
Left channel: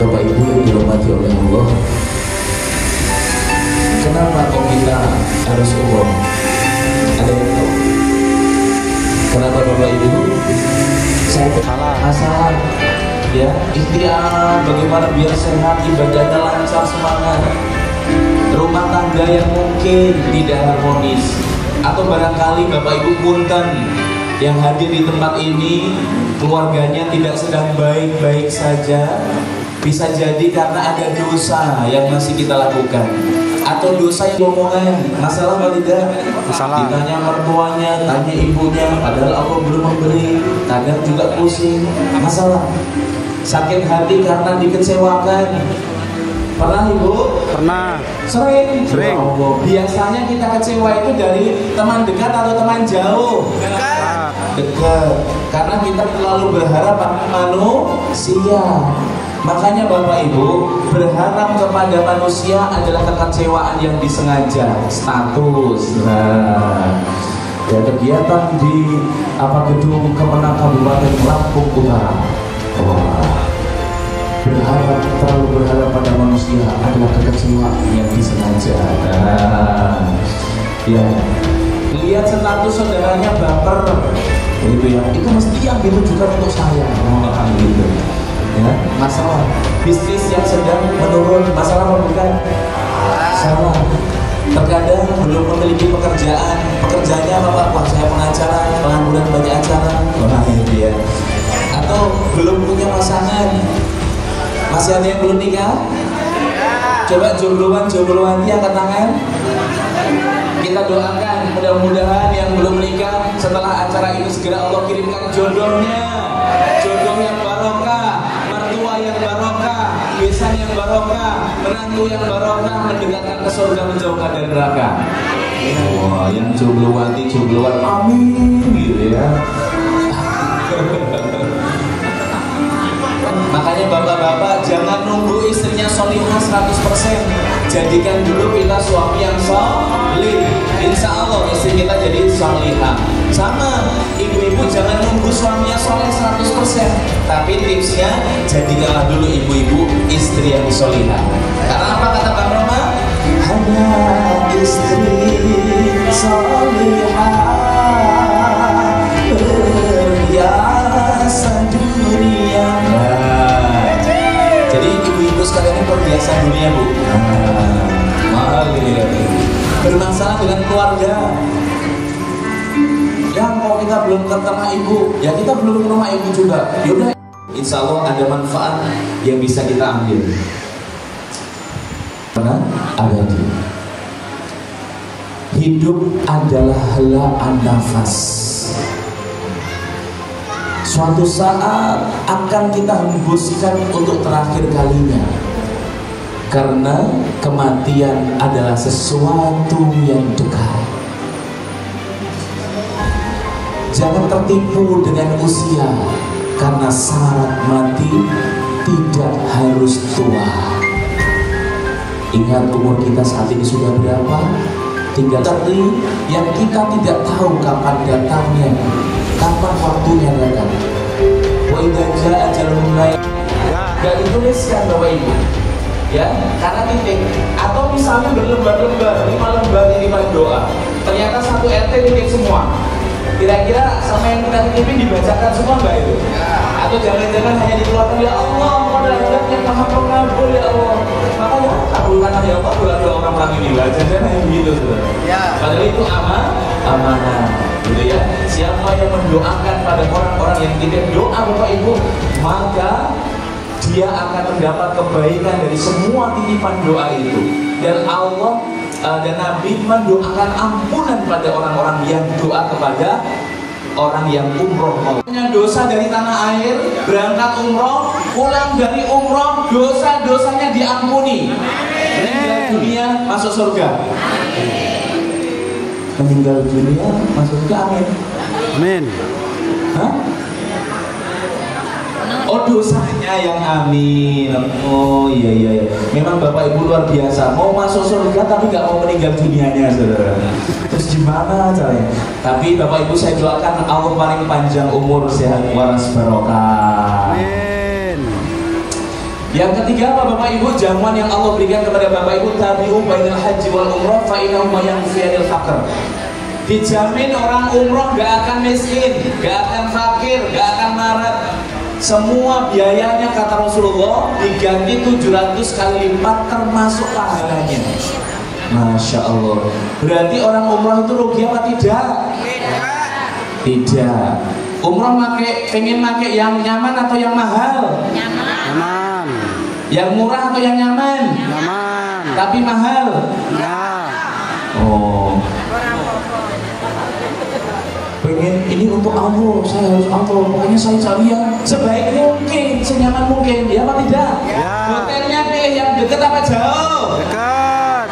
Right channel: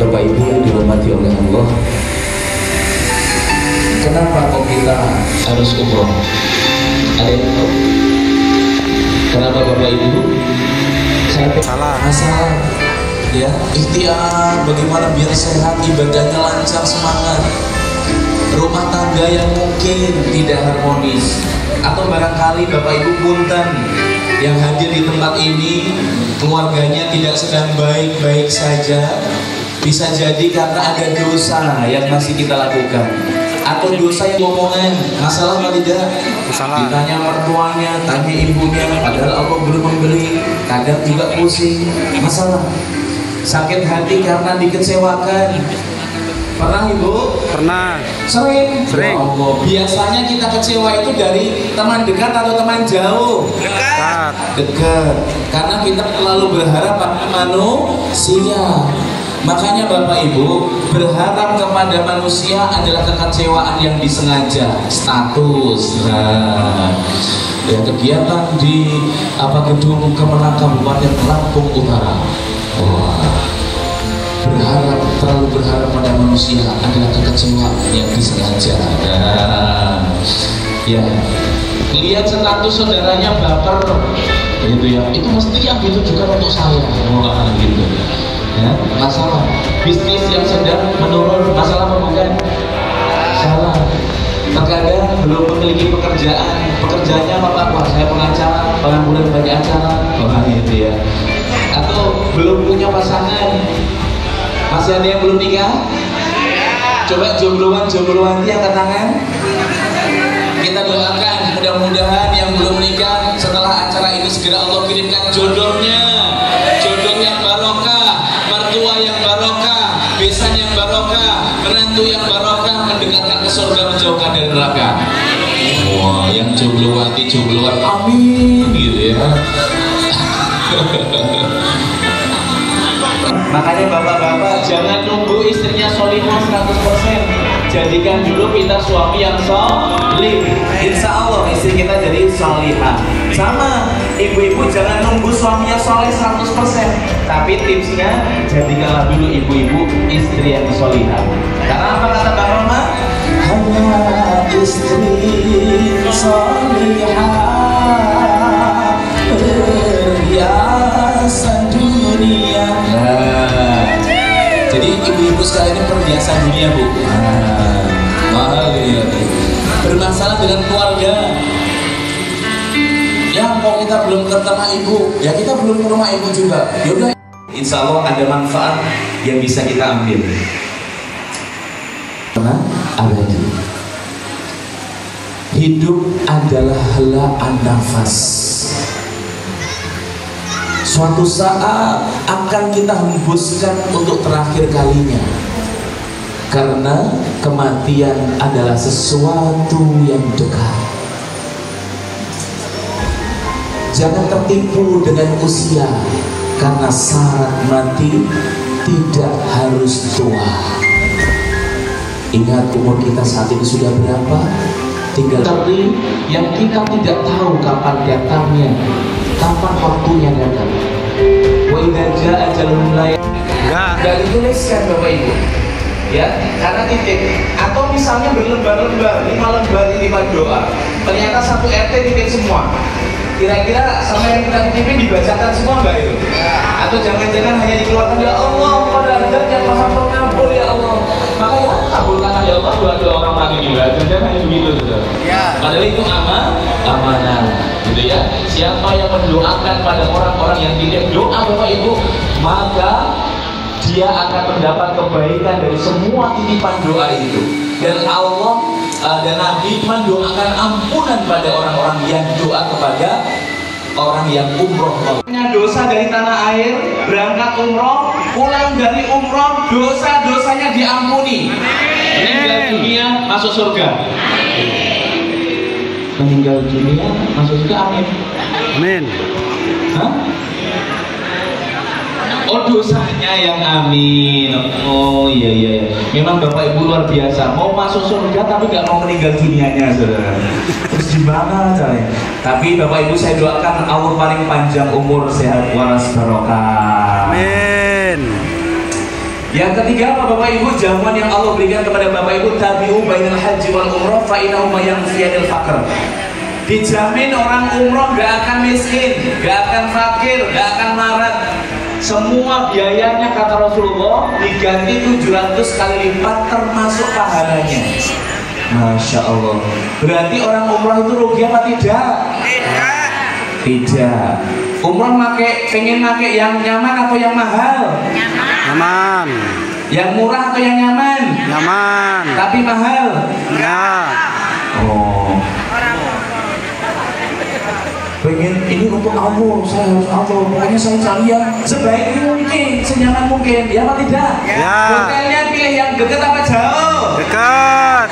Bapak Ibu yang dirahmati oleh Allah, kenapa kok kita harus umroh? Ada yang tahu? Kenapa Bapak Ibu? Masalah ya, ikhtiar bagaimana biar sehat, ibadahnya lancar, semangat. Rumah tangga yang mungkin tidak harmonis, atau barangkali Bapak Ibu punten yang hadir di tempat ini keluarganya tidak sedang baik-baik saja. Bisa jadi karena ada dosa yang masih kita lakukan, atau dosa yang omongan. Masalah apa tidak? Masalah. Ditanya mertuanya, tanya ibunya, padahal Allah belum memberi. Kadang juga pusing. Masalah. Sakit hati karena dikecewakan. Pernah Ibu? Pernah. Sering. Ya Allah. Biasanya kita kecewa itu dari teman dekat atau teman jauh? Dekat. Karena kita terlalu berharap pada manusia. Makanya Bapak Ibu, berharap kepada manusia adalah kekecewaan yang disengaja. Status. Nah, Ya, kegiatan di gedung Kemenang Kabupaten Lampung Utara. Terlalu berharap pada manusia adalah kekecewaan yang disengaja. Ya, lihat status saudaranya baper, gitu ya. Itu mesti yang gitu juga untuk saya, gitu. Ya, masalah bisnis yang sedang menurun, masalah apa bukan? Salah. Terkadang belum memiliki pekerjaannya apa Pak? Saya pengacara, pengangguran banyak acara, gitu ya. Atau belum punya pasangan. Masih ada yang belum nikah? Coba jombloan yang angkat tangan. Kita doakan mudah-mudahan yang belum nikah setelah acara ini segera Allah kirimkan jodohnya, jodoh yang barokah, mertua yang barokah, besan yang barokah, menantu yang barokah, mendekatkan ke surga, menjauhkan dari neraka. Wah, yang jombloan, amin, gitu ya. Makanya bapak-bapak jangan nunggu istrinya solihah 100%. Jadikan dulu kita suami yang solih. Insya Allah istri kita jadi solihah. Sama, ibu-ibu jangan nunggu suaminya soleh 100%. Tapi tipsnya, jadikanlah dulu ibu-ibu istri yang solihah. Karena apa kata Pak Roma? Hanya istri solihah perhiasan dunia. Jadi ibu-ibu sekalian ini perhiasan dunia, Bu. Mahal ya. Bermasalah dengan keluarga. Ya mau kita belum ketemu ibu, ya kita belum ke rumah ibu juga. Yaudah, insya Allah ada manfaat yang bisa kita ambil. Karena abadi. Hidup adalah helaan nafas. Suatu saat akan kita hembuskan untuk terakhir kalinya. Karena kematian adalah sesuatu yang dekat. Jangan tertipu dengan usia, karena saat mati tidak harus tua. Ingat umur kita saat ini sudah berapa? Tinggal tapi yang kita tidak tahu kapan datangnya, kapan waktunya datang. Wa idza jaa ajalun la enggak dituliskan Bapak Ibu. Ya, karena titik. Atau misalnya berlembar-lembar, 5 lembar titipan doa. Ternyata satu RT titik semua. Kira-kira sama yang kita titipin dibacakan semua enggak itu? Atau jangan-jangan hanya dikeluarkan, ya Allah, pada adat yang maha pengabul ya Allah. Makanya kabulkanlah ya Allah doa-doa orang mati gila. Jangan hanya begitu, saudara. Padahal itu amanah, gitu ya. Siapa yang mendoakan pada orang-orang yang titip doa Bapak Ibu, maka dia akan mendapat kebaikan dari semua titipan doa itu. Dan Allah dan Nabi mendoakan ampunan pada orang-orang yang doa kepada orang yang umroh. Dosa dari tanah air, berangkat umroh, pulang dari umroh, dosa-dosanya diampuni. Meninggal dunia masuk surga. Meninggal dunia masuk surga, amin. Amin. Hah? Oh, dosanya yang amin. Oh iya. Memang Bapak Ibu luar biasa. Mau masuk surga tapi nggak mau meninggal dunianya, saudara. Terus gimana caranya? Tapi Bapak Ibu saya doakan Allah paling panjang umur, sehat waras barokah. Amin. Yang ketiga Bapak Ibu, jamuan yang Allah berikan kepada Bapak Ibu, tabi'u bainal haji wal umrah fa innahu ma yanfi'ul faqr. Dijamin orang umroh gak akan miskin, gak akan fakir, gak akan marat. Semua biayanya kata Rasulullah diganti 700 kali lipat termasuk pahalanya. Masya Allah. Berarti orang umroh itu rugi apa tidak? Tidak. Umroh pengen pakai yang nyaman atau yang mahal? Nyaman. Yang murah atau yang nyaman? Nyaman. Tapi mahal? Ya. Oh. Pengen ini untuk Allah, saya harus Allah, pokoknya saya cari yang sebaik mungkin, senyaman mungkin, ya apa tidak? Ya. Hotelnya pilih yang dekat apa jauh? Dekat.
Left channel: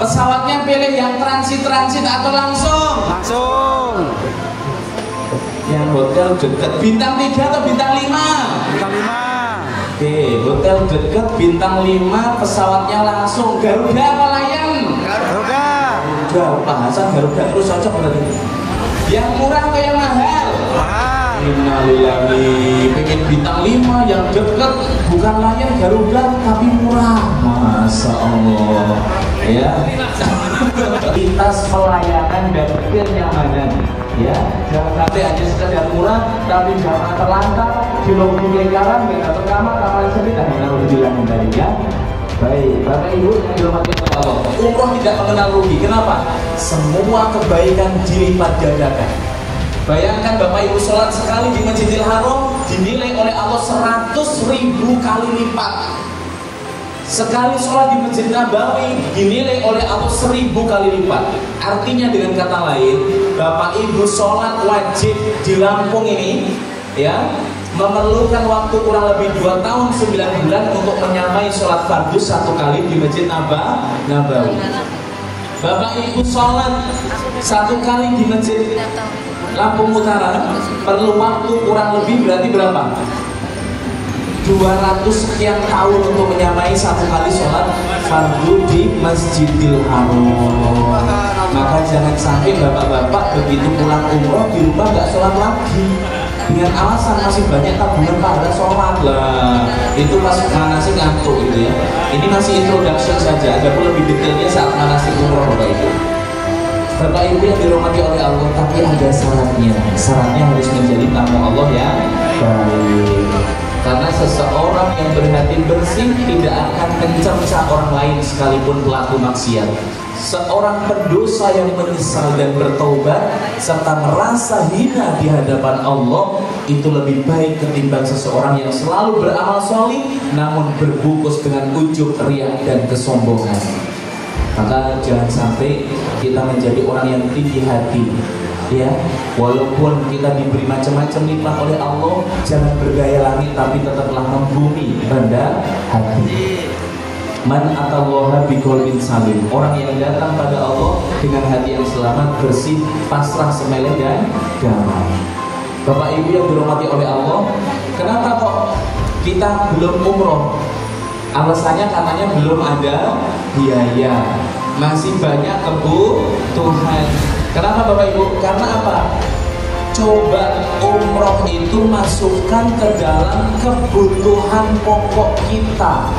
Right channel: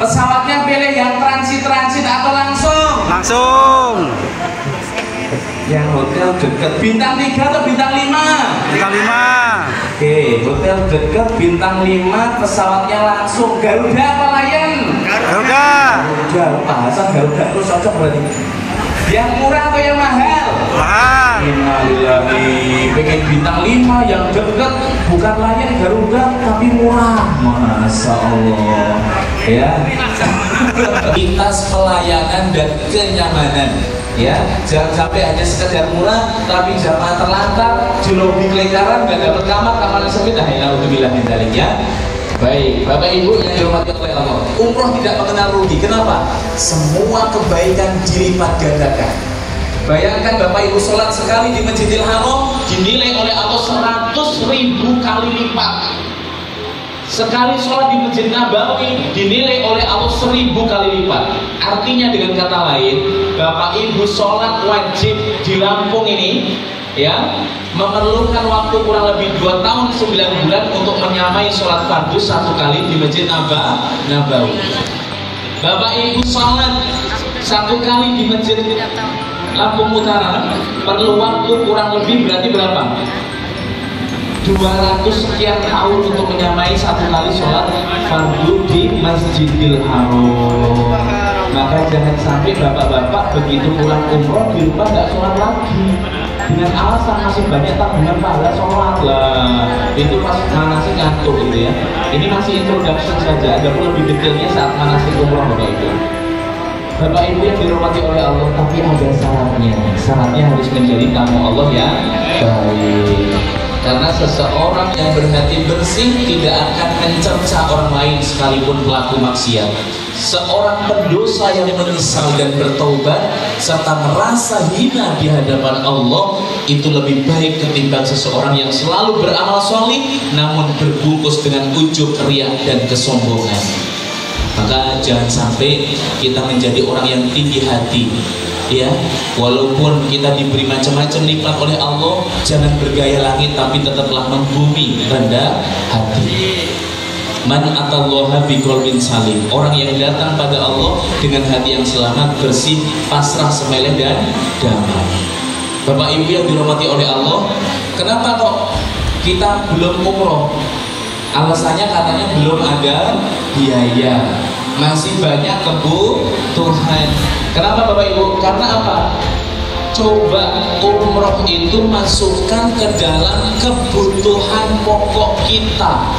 Pesawatnya pilih yang transit atau langsung? Langsung. Yang hotel dekat, bintang 3 atau bintang 5? Bintang 5. Oke, hotel dekat, bintang 5, pesawatnya langsung. Garuda apa Lion? Garuda. Garuda, Hasan Garuda terus cocok berarti. Yang murah apa yang mahal? Mahal. Innalillahi, pengen bintang 5 yang dekat, bukan Lion Garuda tapi murah. Masya Allah. Ya. Kualitas pelayanan dan kenyamanan. Ya, jangan sampai hanya sekedar murah tapi jamaah terlantar di lobi kelengkaran, nggak dapat kamar sedikit. Alhamdulillah mentalinya. Baik, Bapak Ibu yang dihormati oleh Allah, umroh tidak mengenal rugi. Kenapa? Semua kebaikan dilipat gandakan. Bayangkan Bapak Ibu sholat sekali di Masjidil Haram dinilai oleh Allah 100.000 kali lipat. Sekali sholat di Masjid Nabawi dinilai oleh Allah 1000 kali lipat. Artinya dengan kata lain, Bapak Ibu sholat wajib di Lampung ini ya memerlukan waktu kurang lebih 2 tahun 9 bulan untuk menyamai sholat fardu 1 kali di Masjid Nabawi. Bapak Ibu sholat 1 kali di Masjid Lampung Utara perlu waktu kurang lebih berarti berapa? 200 sekian tahun untuk menyamai 1 kali sholat fardu di Masjidil Haram. Maka jangan sampai bapak-bapak begitu pulang umroh di rumah nggak sholat lagi dengan alasan masih banyak tabungan pahala sholat lah. Itu masih ngantuk gitu ya. Ini masih introduction saja. Ada pun lebih detailnya saat manasik umroh Bapak Ibu. Bapak Ibu yang dirahmati oleh Allah, tapi ada syaratnya. Syaratnya harus menjadi tamu Allah yang baik. Karena seseorang yang berhati bersih tidak akan mencerca orang lain sekalipun pelaku maksiat. Seorang pendosa yang menyesal dan bertaubat serta merasa hina di hadapan Allah itu lebih baik ketimbang seseorang yang selalu beramal solih namun berbungkus dengan ujub, riya dan kesombongan. Maka jangan sampai kita menjadi orang yang tinggi hati. Ya, walaupun kita diberi macam-macam nikmat oleh Allah, jangan bergaya langit tapi tetaplah membumi, rendah hati. Man atallaha biqalbin salim. Orang yang datang pada Allah dengan hati yang selamat, bersih, pasrah, semeleh dan damai. Bapak Ibu yang dirahmati oleh Allah, kenapa kok kita belum umroh? Alasannya katanya belum ada biaya, masih banyak kebutuhan. Kenapa Bapak Ibu? Karena apa? Coba umroh itu masukkan ke dalam kebutuhan pokok kita.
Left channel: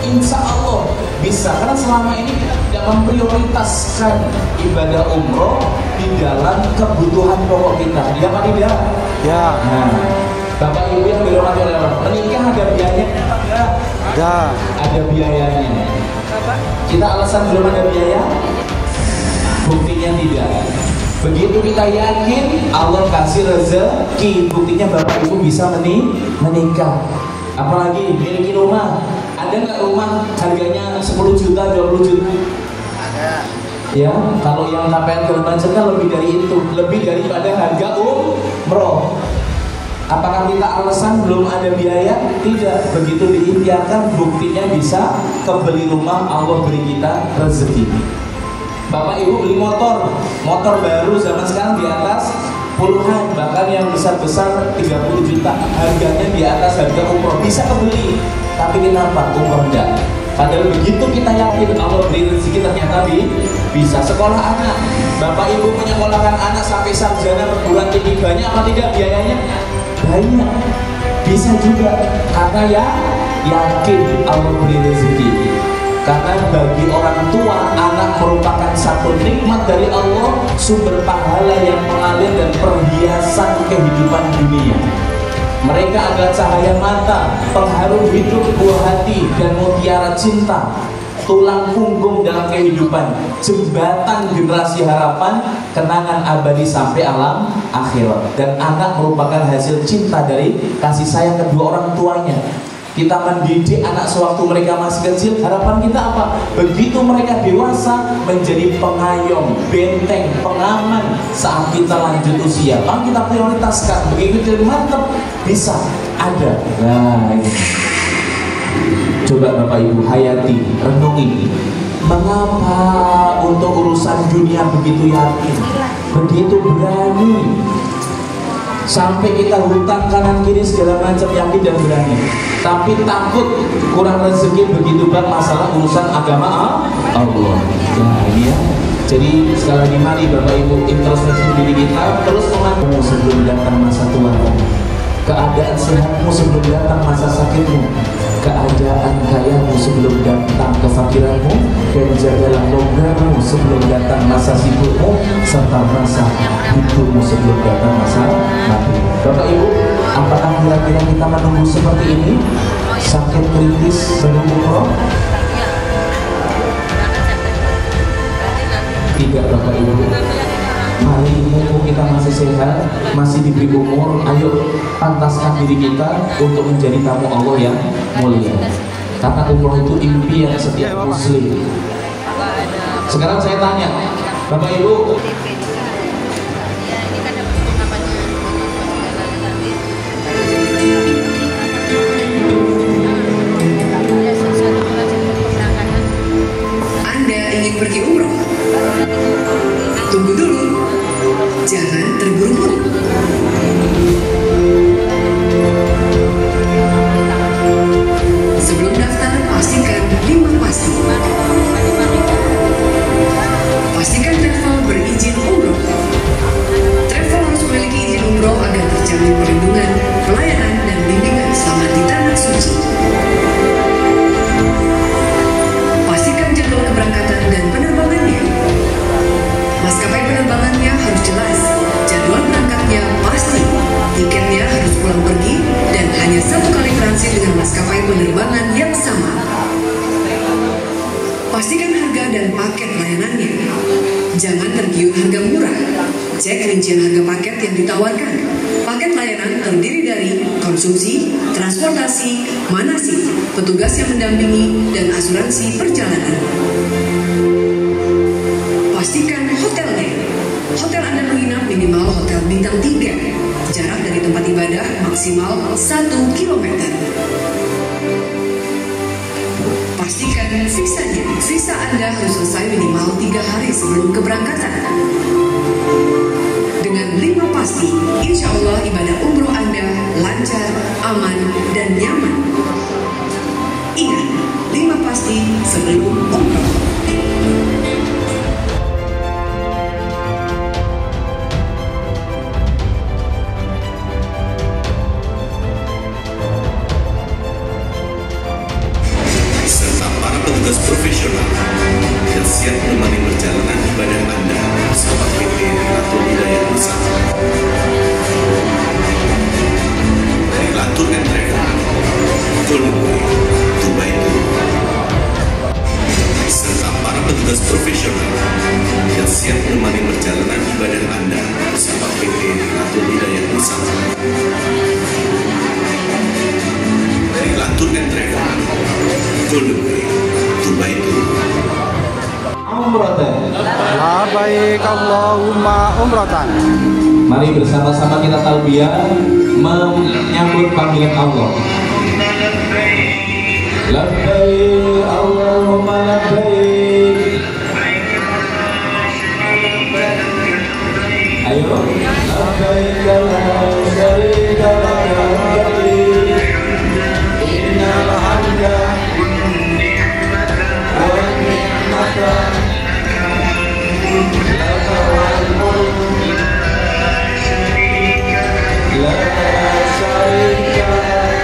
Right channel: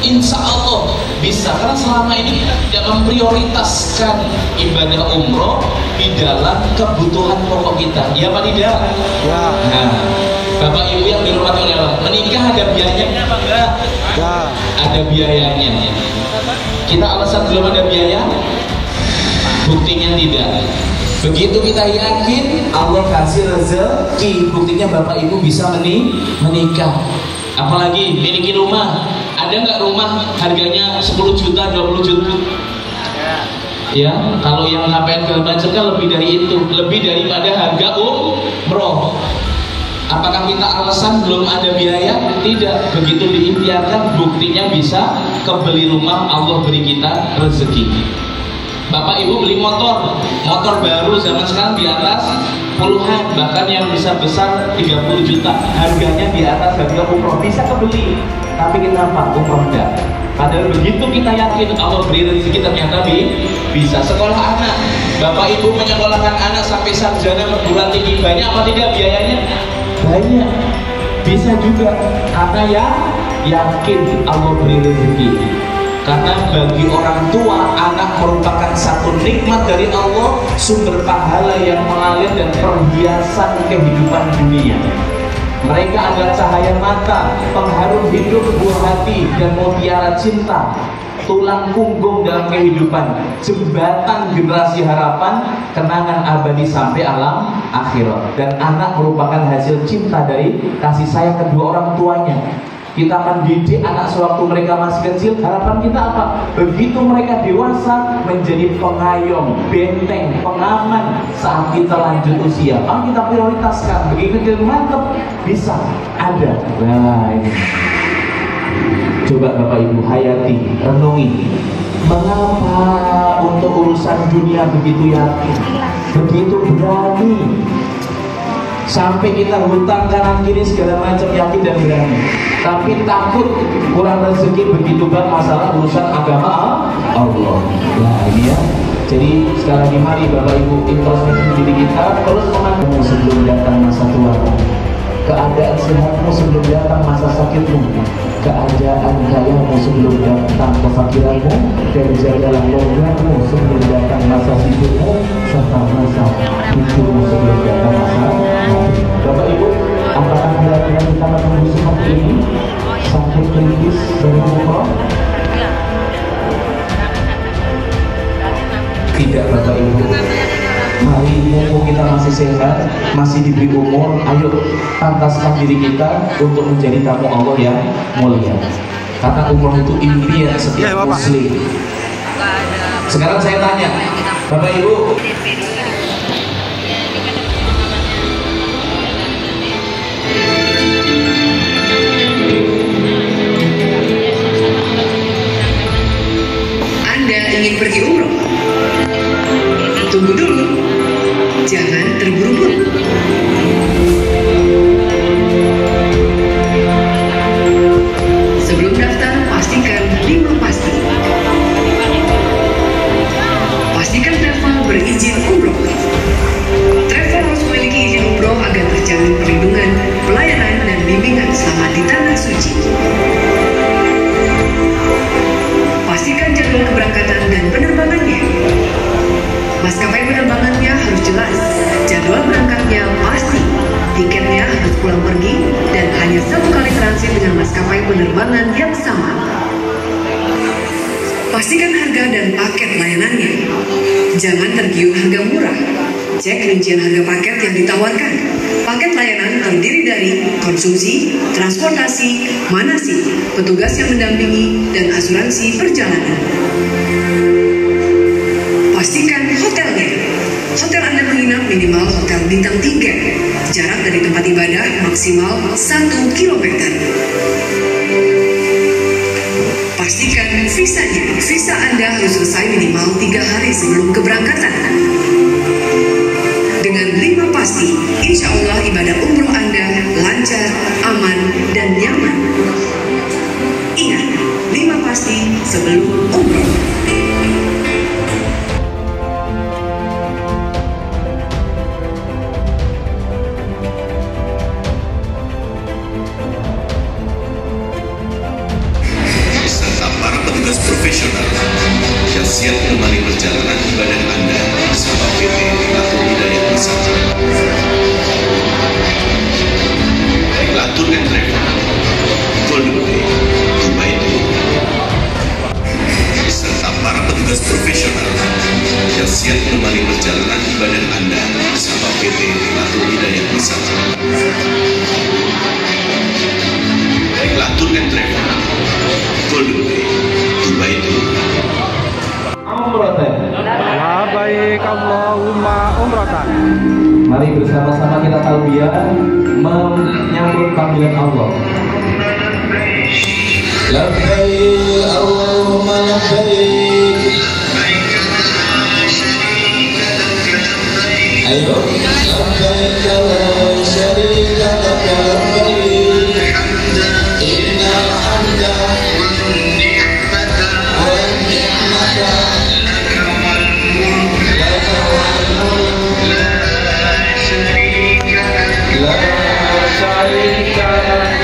Insya Allah bisa. Karena selama ini kita tidak memprioritaskan ibadah umroh di dalam kebutuhan pokok kita. Ya apa tidak? Ya. Nah, Bapak Ibu yang dirahmati oleh Allah, menikah ada biayanya apa enggak? Ya. Ada biayanya. Kita alasan belum ada biaya? Buktinya tidak. Begitu kita yakin Allah kasih rezeki, buktinya Bapak Ibu bisa menikah. Apalagi miliki rumah. Ada nggak rumah harganya 10 juta, 20 juta? Ya, kalau yang sampai segala macam kan lebih dari itu, lebih daripada harga umroh. Apakah kita alasan belum ada biaya? Tidak. Begitu diikhtiarkan, buktinya bisa kebeli rumah, Allah beri kita rezeki. Bapak Ibu beli motor baru zaman sekarang di atas puluhan, bahkan yang besar-besar 30 juta, harganya di atas harga umroh, bisa kebeli. Tapi kenapa umroh enggak? Padahal begitu kita yakin Allah beri rezeki, ternyata bisa. Sekolah anak, Bapak Ibu menyekolahkan anak sampai sarjana perguruan tinggi, banyak apa tidak biayanya? Banyak. Bisa juga karena ya yakin Allah beri rezeki. Karena bagi orang tua, anak merupakan satu nikmat dari Allah, sumber pahala yang mengalir dan perhiasan kehidupan dunia. Mereka adalah cahaya mata, pengharum hidup, buah hati, dan mutiara cinta, tulang punggung dalam kehidupan, jembatan generasi harapan, kenangan abadi sampai alam akhirat. Dan anak merupakan hasil cinta dari kasih sayang kedua orang tuanya. Kita mendidik anak sewaktu mereka masih kecil, harapan kita apa? Begitu mereka dewasa menjadi pengayom, benteng, pengaman saat kita lanjut usia. Maka kita prioritaskan, begitu kita mantap, bisa, ada. Nah ini. Coba Bapak Ibu hayati, renungi. Mengapa untuk urusan dunia begitu yakin, begitu berani? Sampai kita hutang kanan kiri segala macam, yakin dan berani. Tapi takut kurang rezeki begitu banget masalah urusan agama Allah. Nah ini ya, Jadi sekali lagi mari Bapak Ibu introspeksi diri kita, terus mengaku sebelum datang masa tua, keadaan sehatmu sebelum datang masa sakitmu, keadaan kayamu sebelum datang kefakiranmu, dan jagalah longgarmu sebelum datang masa sibukmu, serta masa hidupmu sebelum datang masa mati. Bapak Ibu, apakah kira-kira kita menunggu seperti ini? Sakit kritis sebelum umroh? Tidak Bapak Ibu. Mari mumpung kita masih sehat, masih diberi umur, ayo pantaskan diri kita untuk menjadi tamu Allah yang mulia. Karena umroh itu impian setiap muslim. Sekarang saya tanya, Bapak Ibu, Anda ingin pergi umroh? Tunggu dulu, jangan terburu-buru. Sebelum daftar, pastikan 5 pasti. Pastikan travel berizin umroh. Travel harus memiliki izin umroh agar terjamin perlindungan, pelayanan, dan bimbingan selama di tanah suci. Pastikan jadwal keberangkatan dan penerbangannya. Maskapai penerbangannya harus jelas, jadwal berangkatnya pasti, tiketnya harus pulang pergi, dan hanya 1 kali transit dengan maskapai penerbangan yang sama. Pastikan harga dan paket layanannya. Jangan tergiur harga murah. Cek rincian harga paket yang ditawarkan. Paket layanan terdiri dari konsumsi, transportasi, manasik, petugas yang mendampingi, dan asuransi perjalanan. Pastikan hotelnya. Hotel Anda menginap minimal hotel bintang 3. Jarak dari tempat ibadah maksimal 1 km. Pastikan visanya. Visa Anda harus selesai minimal 3 hari sebelum keberangkatan. Dengan 5 pasti, insya Allah ibadah umroh Anda lancar, aman, dan nyaman. Ingat, 5 pasti sebelum umroh. Profesional yang siap menemani perjalanan ibadah Anda bersama PT Rilatul Hidayah Wisata. Rilatul and Travel, Golden Dubai, serta para petugas profesional yang siap menemani perjalanan ibadah Anda bersama PT Rilatul Hidayah Wisata. Rilatul and Travel, Golden Dubai. Labbaik Allahumma umratan. mari bersama-sama kita talbiyah menyambut panggilan Allah. Labbaik Allahumma labbaik. Ayo, labbaik la syarika lak labbaik. Innal hamda wan ni'mata laka wal mulk la syarika lak.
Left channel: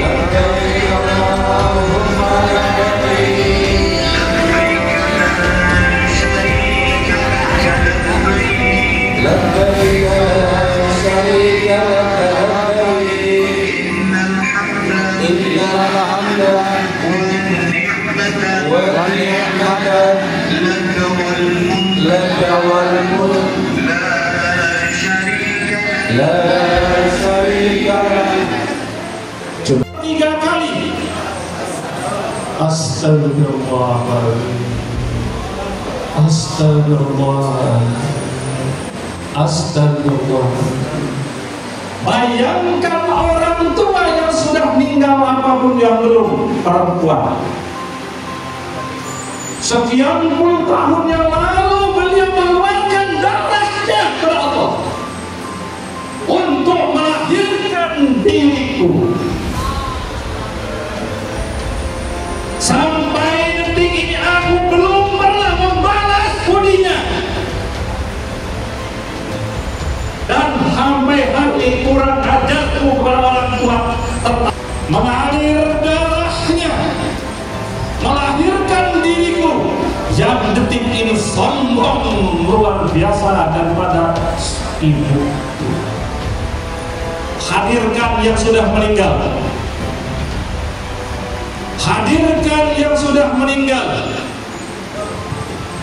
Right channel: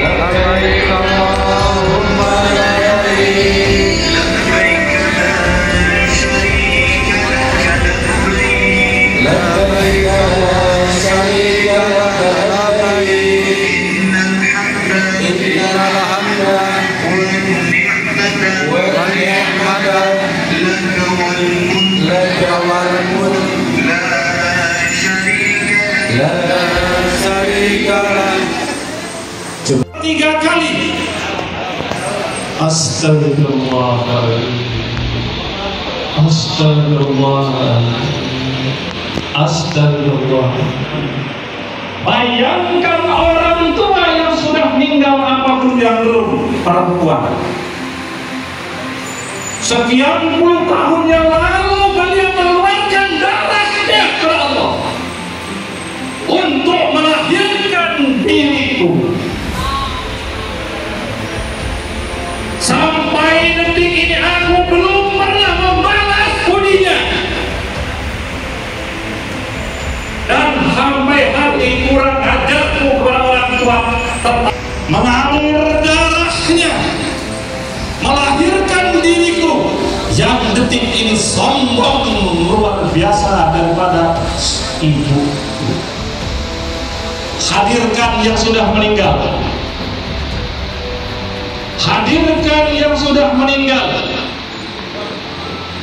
Labbaik Allahumma labbaik. Labbaik la syarika lak labbaik. Innal hamda wan ni'mata laka wal mulk la syarika lak. 3 kali. Astagfirullahaladzim. Astagfirullahaladzim. Astagfirullahaladzim. Bayangkan orang tua yang sudah meninggal apapun yang belum, perempuan. Sekian puluh tahun yang lalu beliau mengeluarkan darahnya ke Allah untuk melahirkan diriku. Sampai ibu. Hadirkan yang sudah meninggal. Hadirkan yang sudah meninggal.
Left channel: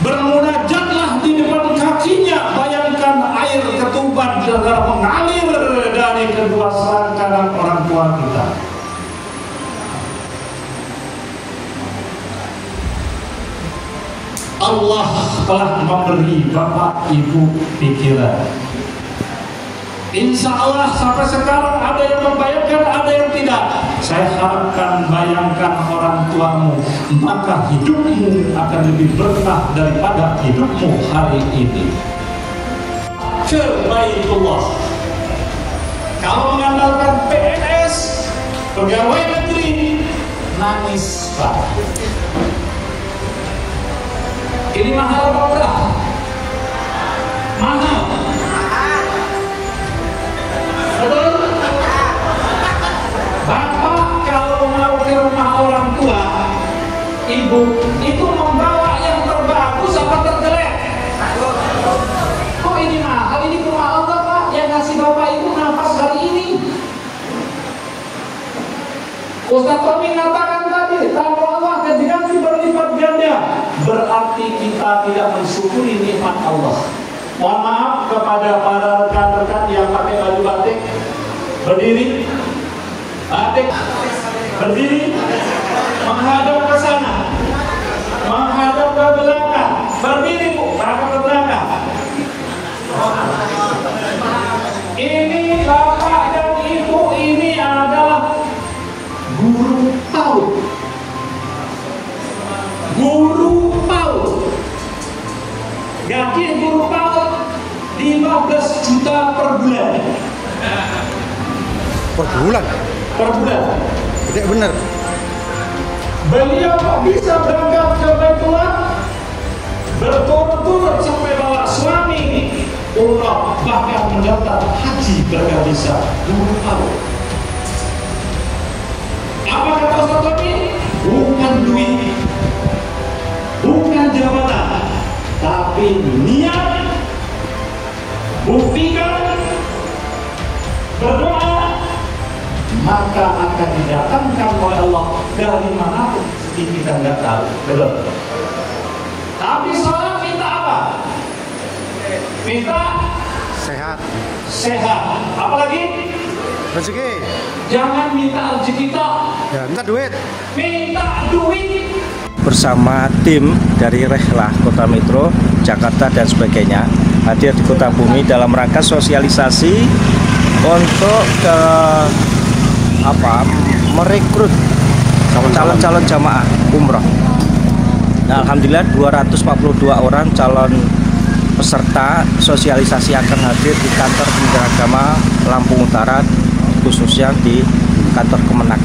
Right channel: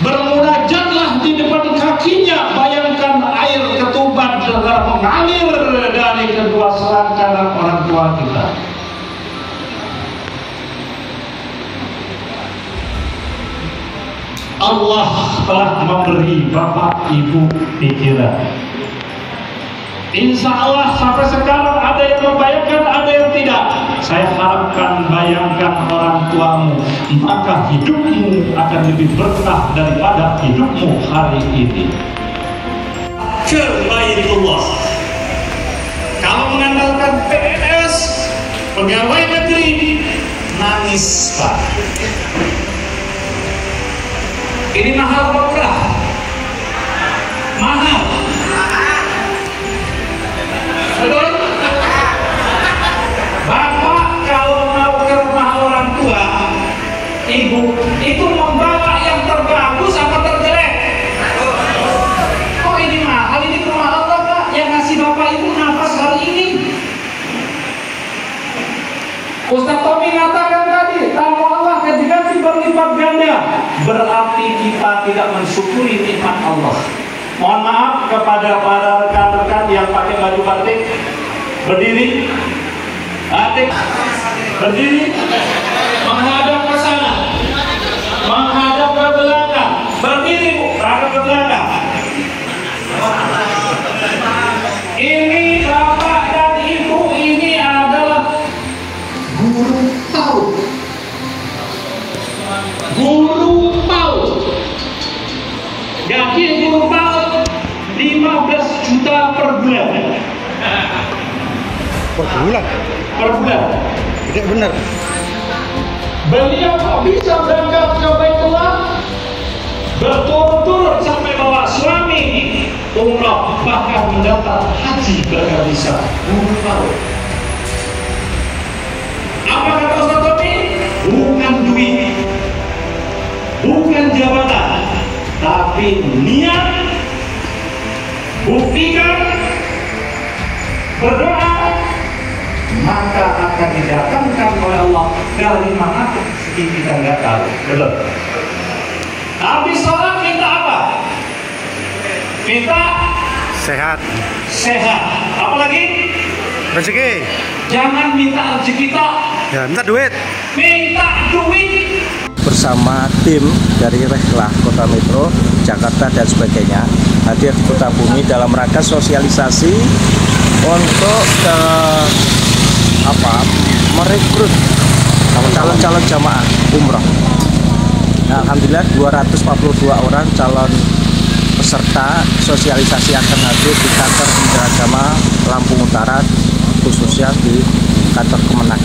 Bermunajatlah di depan kakinya. Bayangkan air ketuban mengalir dari kedua selangkangan orang tua kita. Allah telah memberi bapak ibu pikiran. Insya Allah sampai sekarang ada yang membayangkan, ada yang tidak. Saya harapkan bayangkan orang tuamu, maka hidupmu akan lebih berkah daripada hidupmu hari ini. Ke Baitullah. Kalau mengandalkan PNS, pegawai negeri, nangis Pak. Ini mahal apa murah? Mahal. Betul? Bapak kalau mau ke rumah orang tua, ibu itu membawa yang terbagus apa terjelek? Kok ini mahal? Ini rumah Allah Pak, yang ngasih bapak itu nafas hari ini. Ustaz Tommy mengatakan tadi, tamu Allah diganti berlipat ganda. Berarti kita tidak mensyukuri nikmat Allah. Mohon maaf kepada para rekan-rekan yang pakai baju batik. Berdiri, batik, berdiri, menghadap ke sana, menghadap ke belakang. Berdiri Bu, menghadap ke belakang. Ini bapak dan ibu ini adalah guru PAUD. Guru PAUD. Gaji guru PAUD 15 juta per bulan. Per bulan? Per bulan. Tidak benar. Beliau kok bisa berangkat ke Baitullah berturut-turut sampai bawa suami umrah, bahkan mendaftar haji berkali bisa. Guru PAUD. Apa kata Ustaz Tommy? Bukan duit, bukan jabatan, tapi niat. Buktikan, berdoa, maka akan didatangkan oleh Allah dari mana kita nggak tahu. Betul. Tapi sholat kita apa? Kita Sehat. sehat. Apalagi Rezeki. jangan minta rezeki kita, Ya, minta duit. minta duit. Bersama tim dari Rehlah Kota Metro, Jakarta dan sebagainya hadir di Kota Bumi dalam rangka sosialisasi untuk merekrut calon-calon jamaah umrah. Nah, alhamdulillah 242 orang calon peserta sosialisasi akan hadir di kantor Kementerian Agama Lampung Utara, khususnya di kantor Kemenak.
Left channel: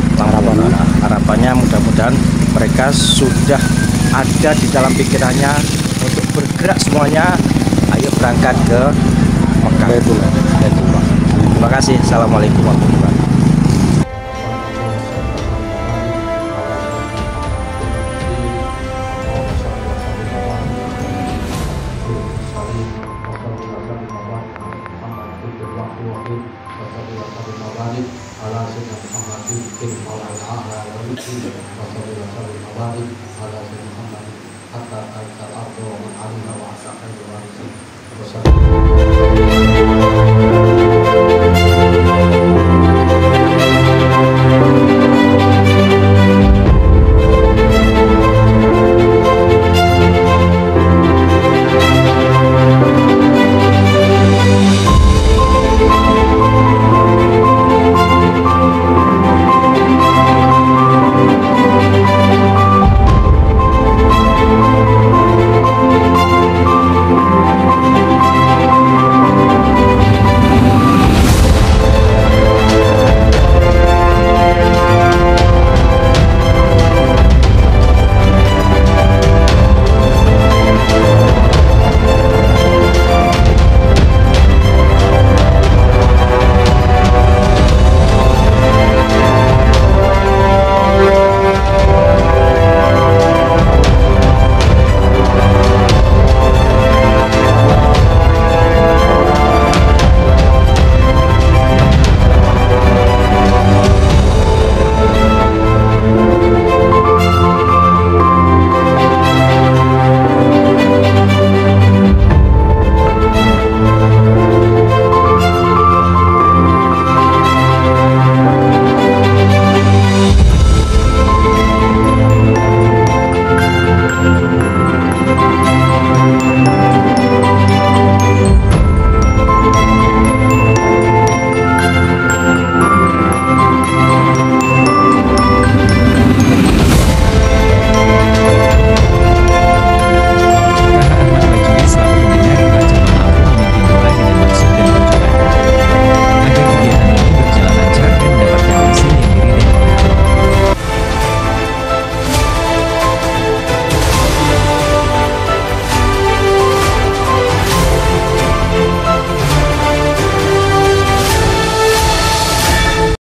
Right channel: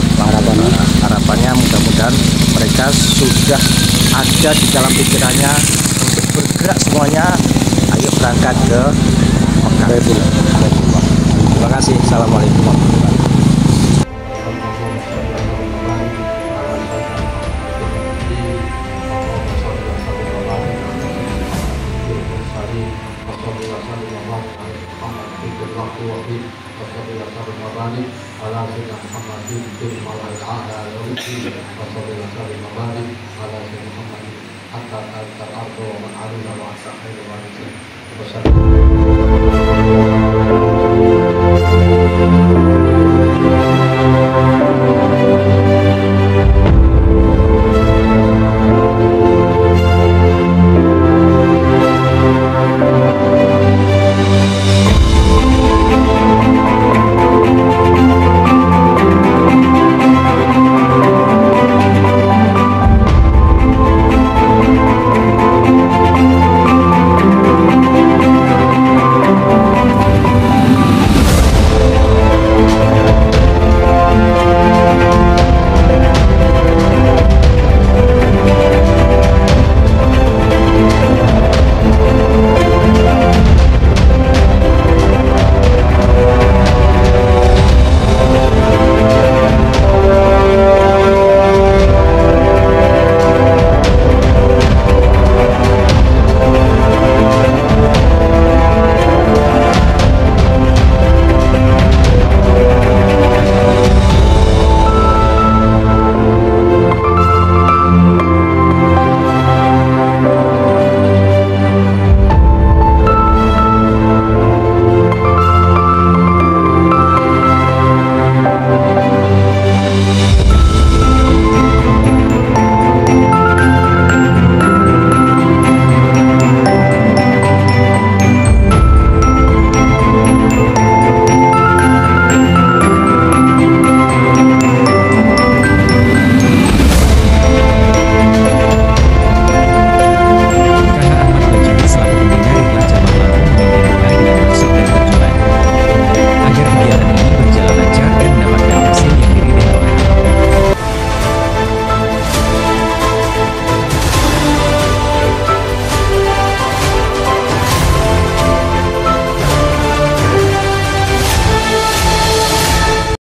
Harapannya mudah-mudahan mereka sudah ada di dalam pikirannya untuk bergerak semuanya. Ayo berangkat ke Mekah. Terima kasih. Assalamualaikum warahmatullahi wabarakatuh. Hatta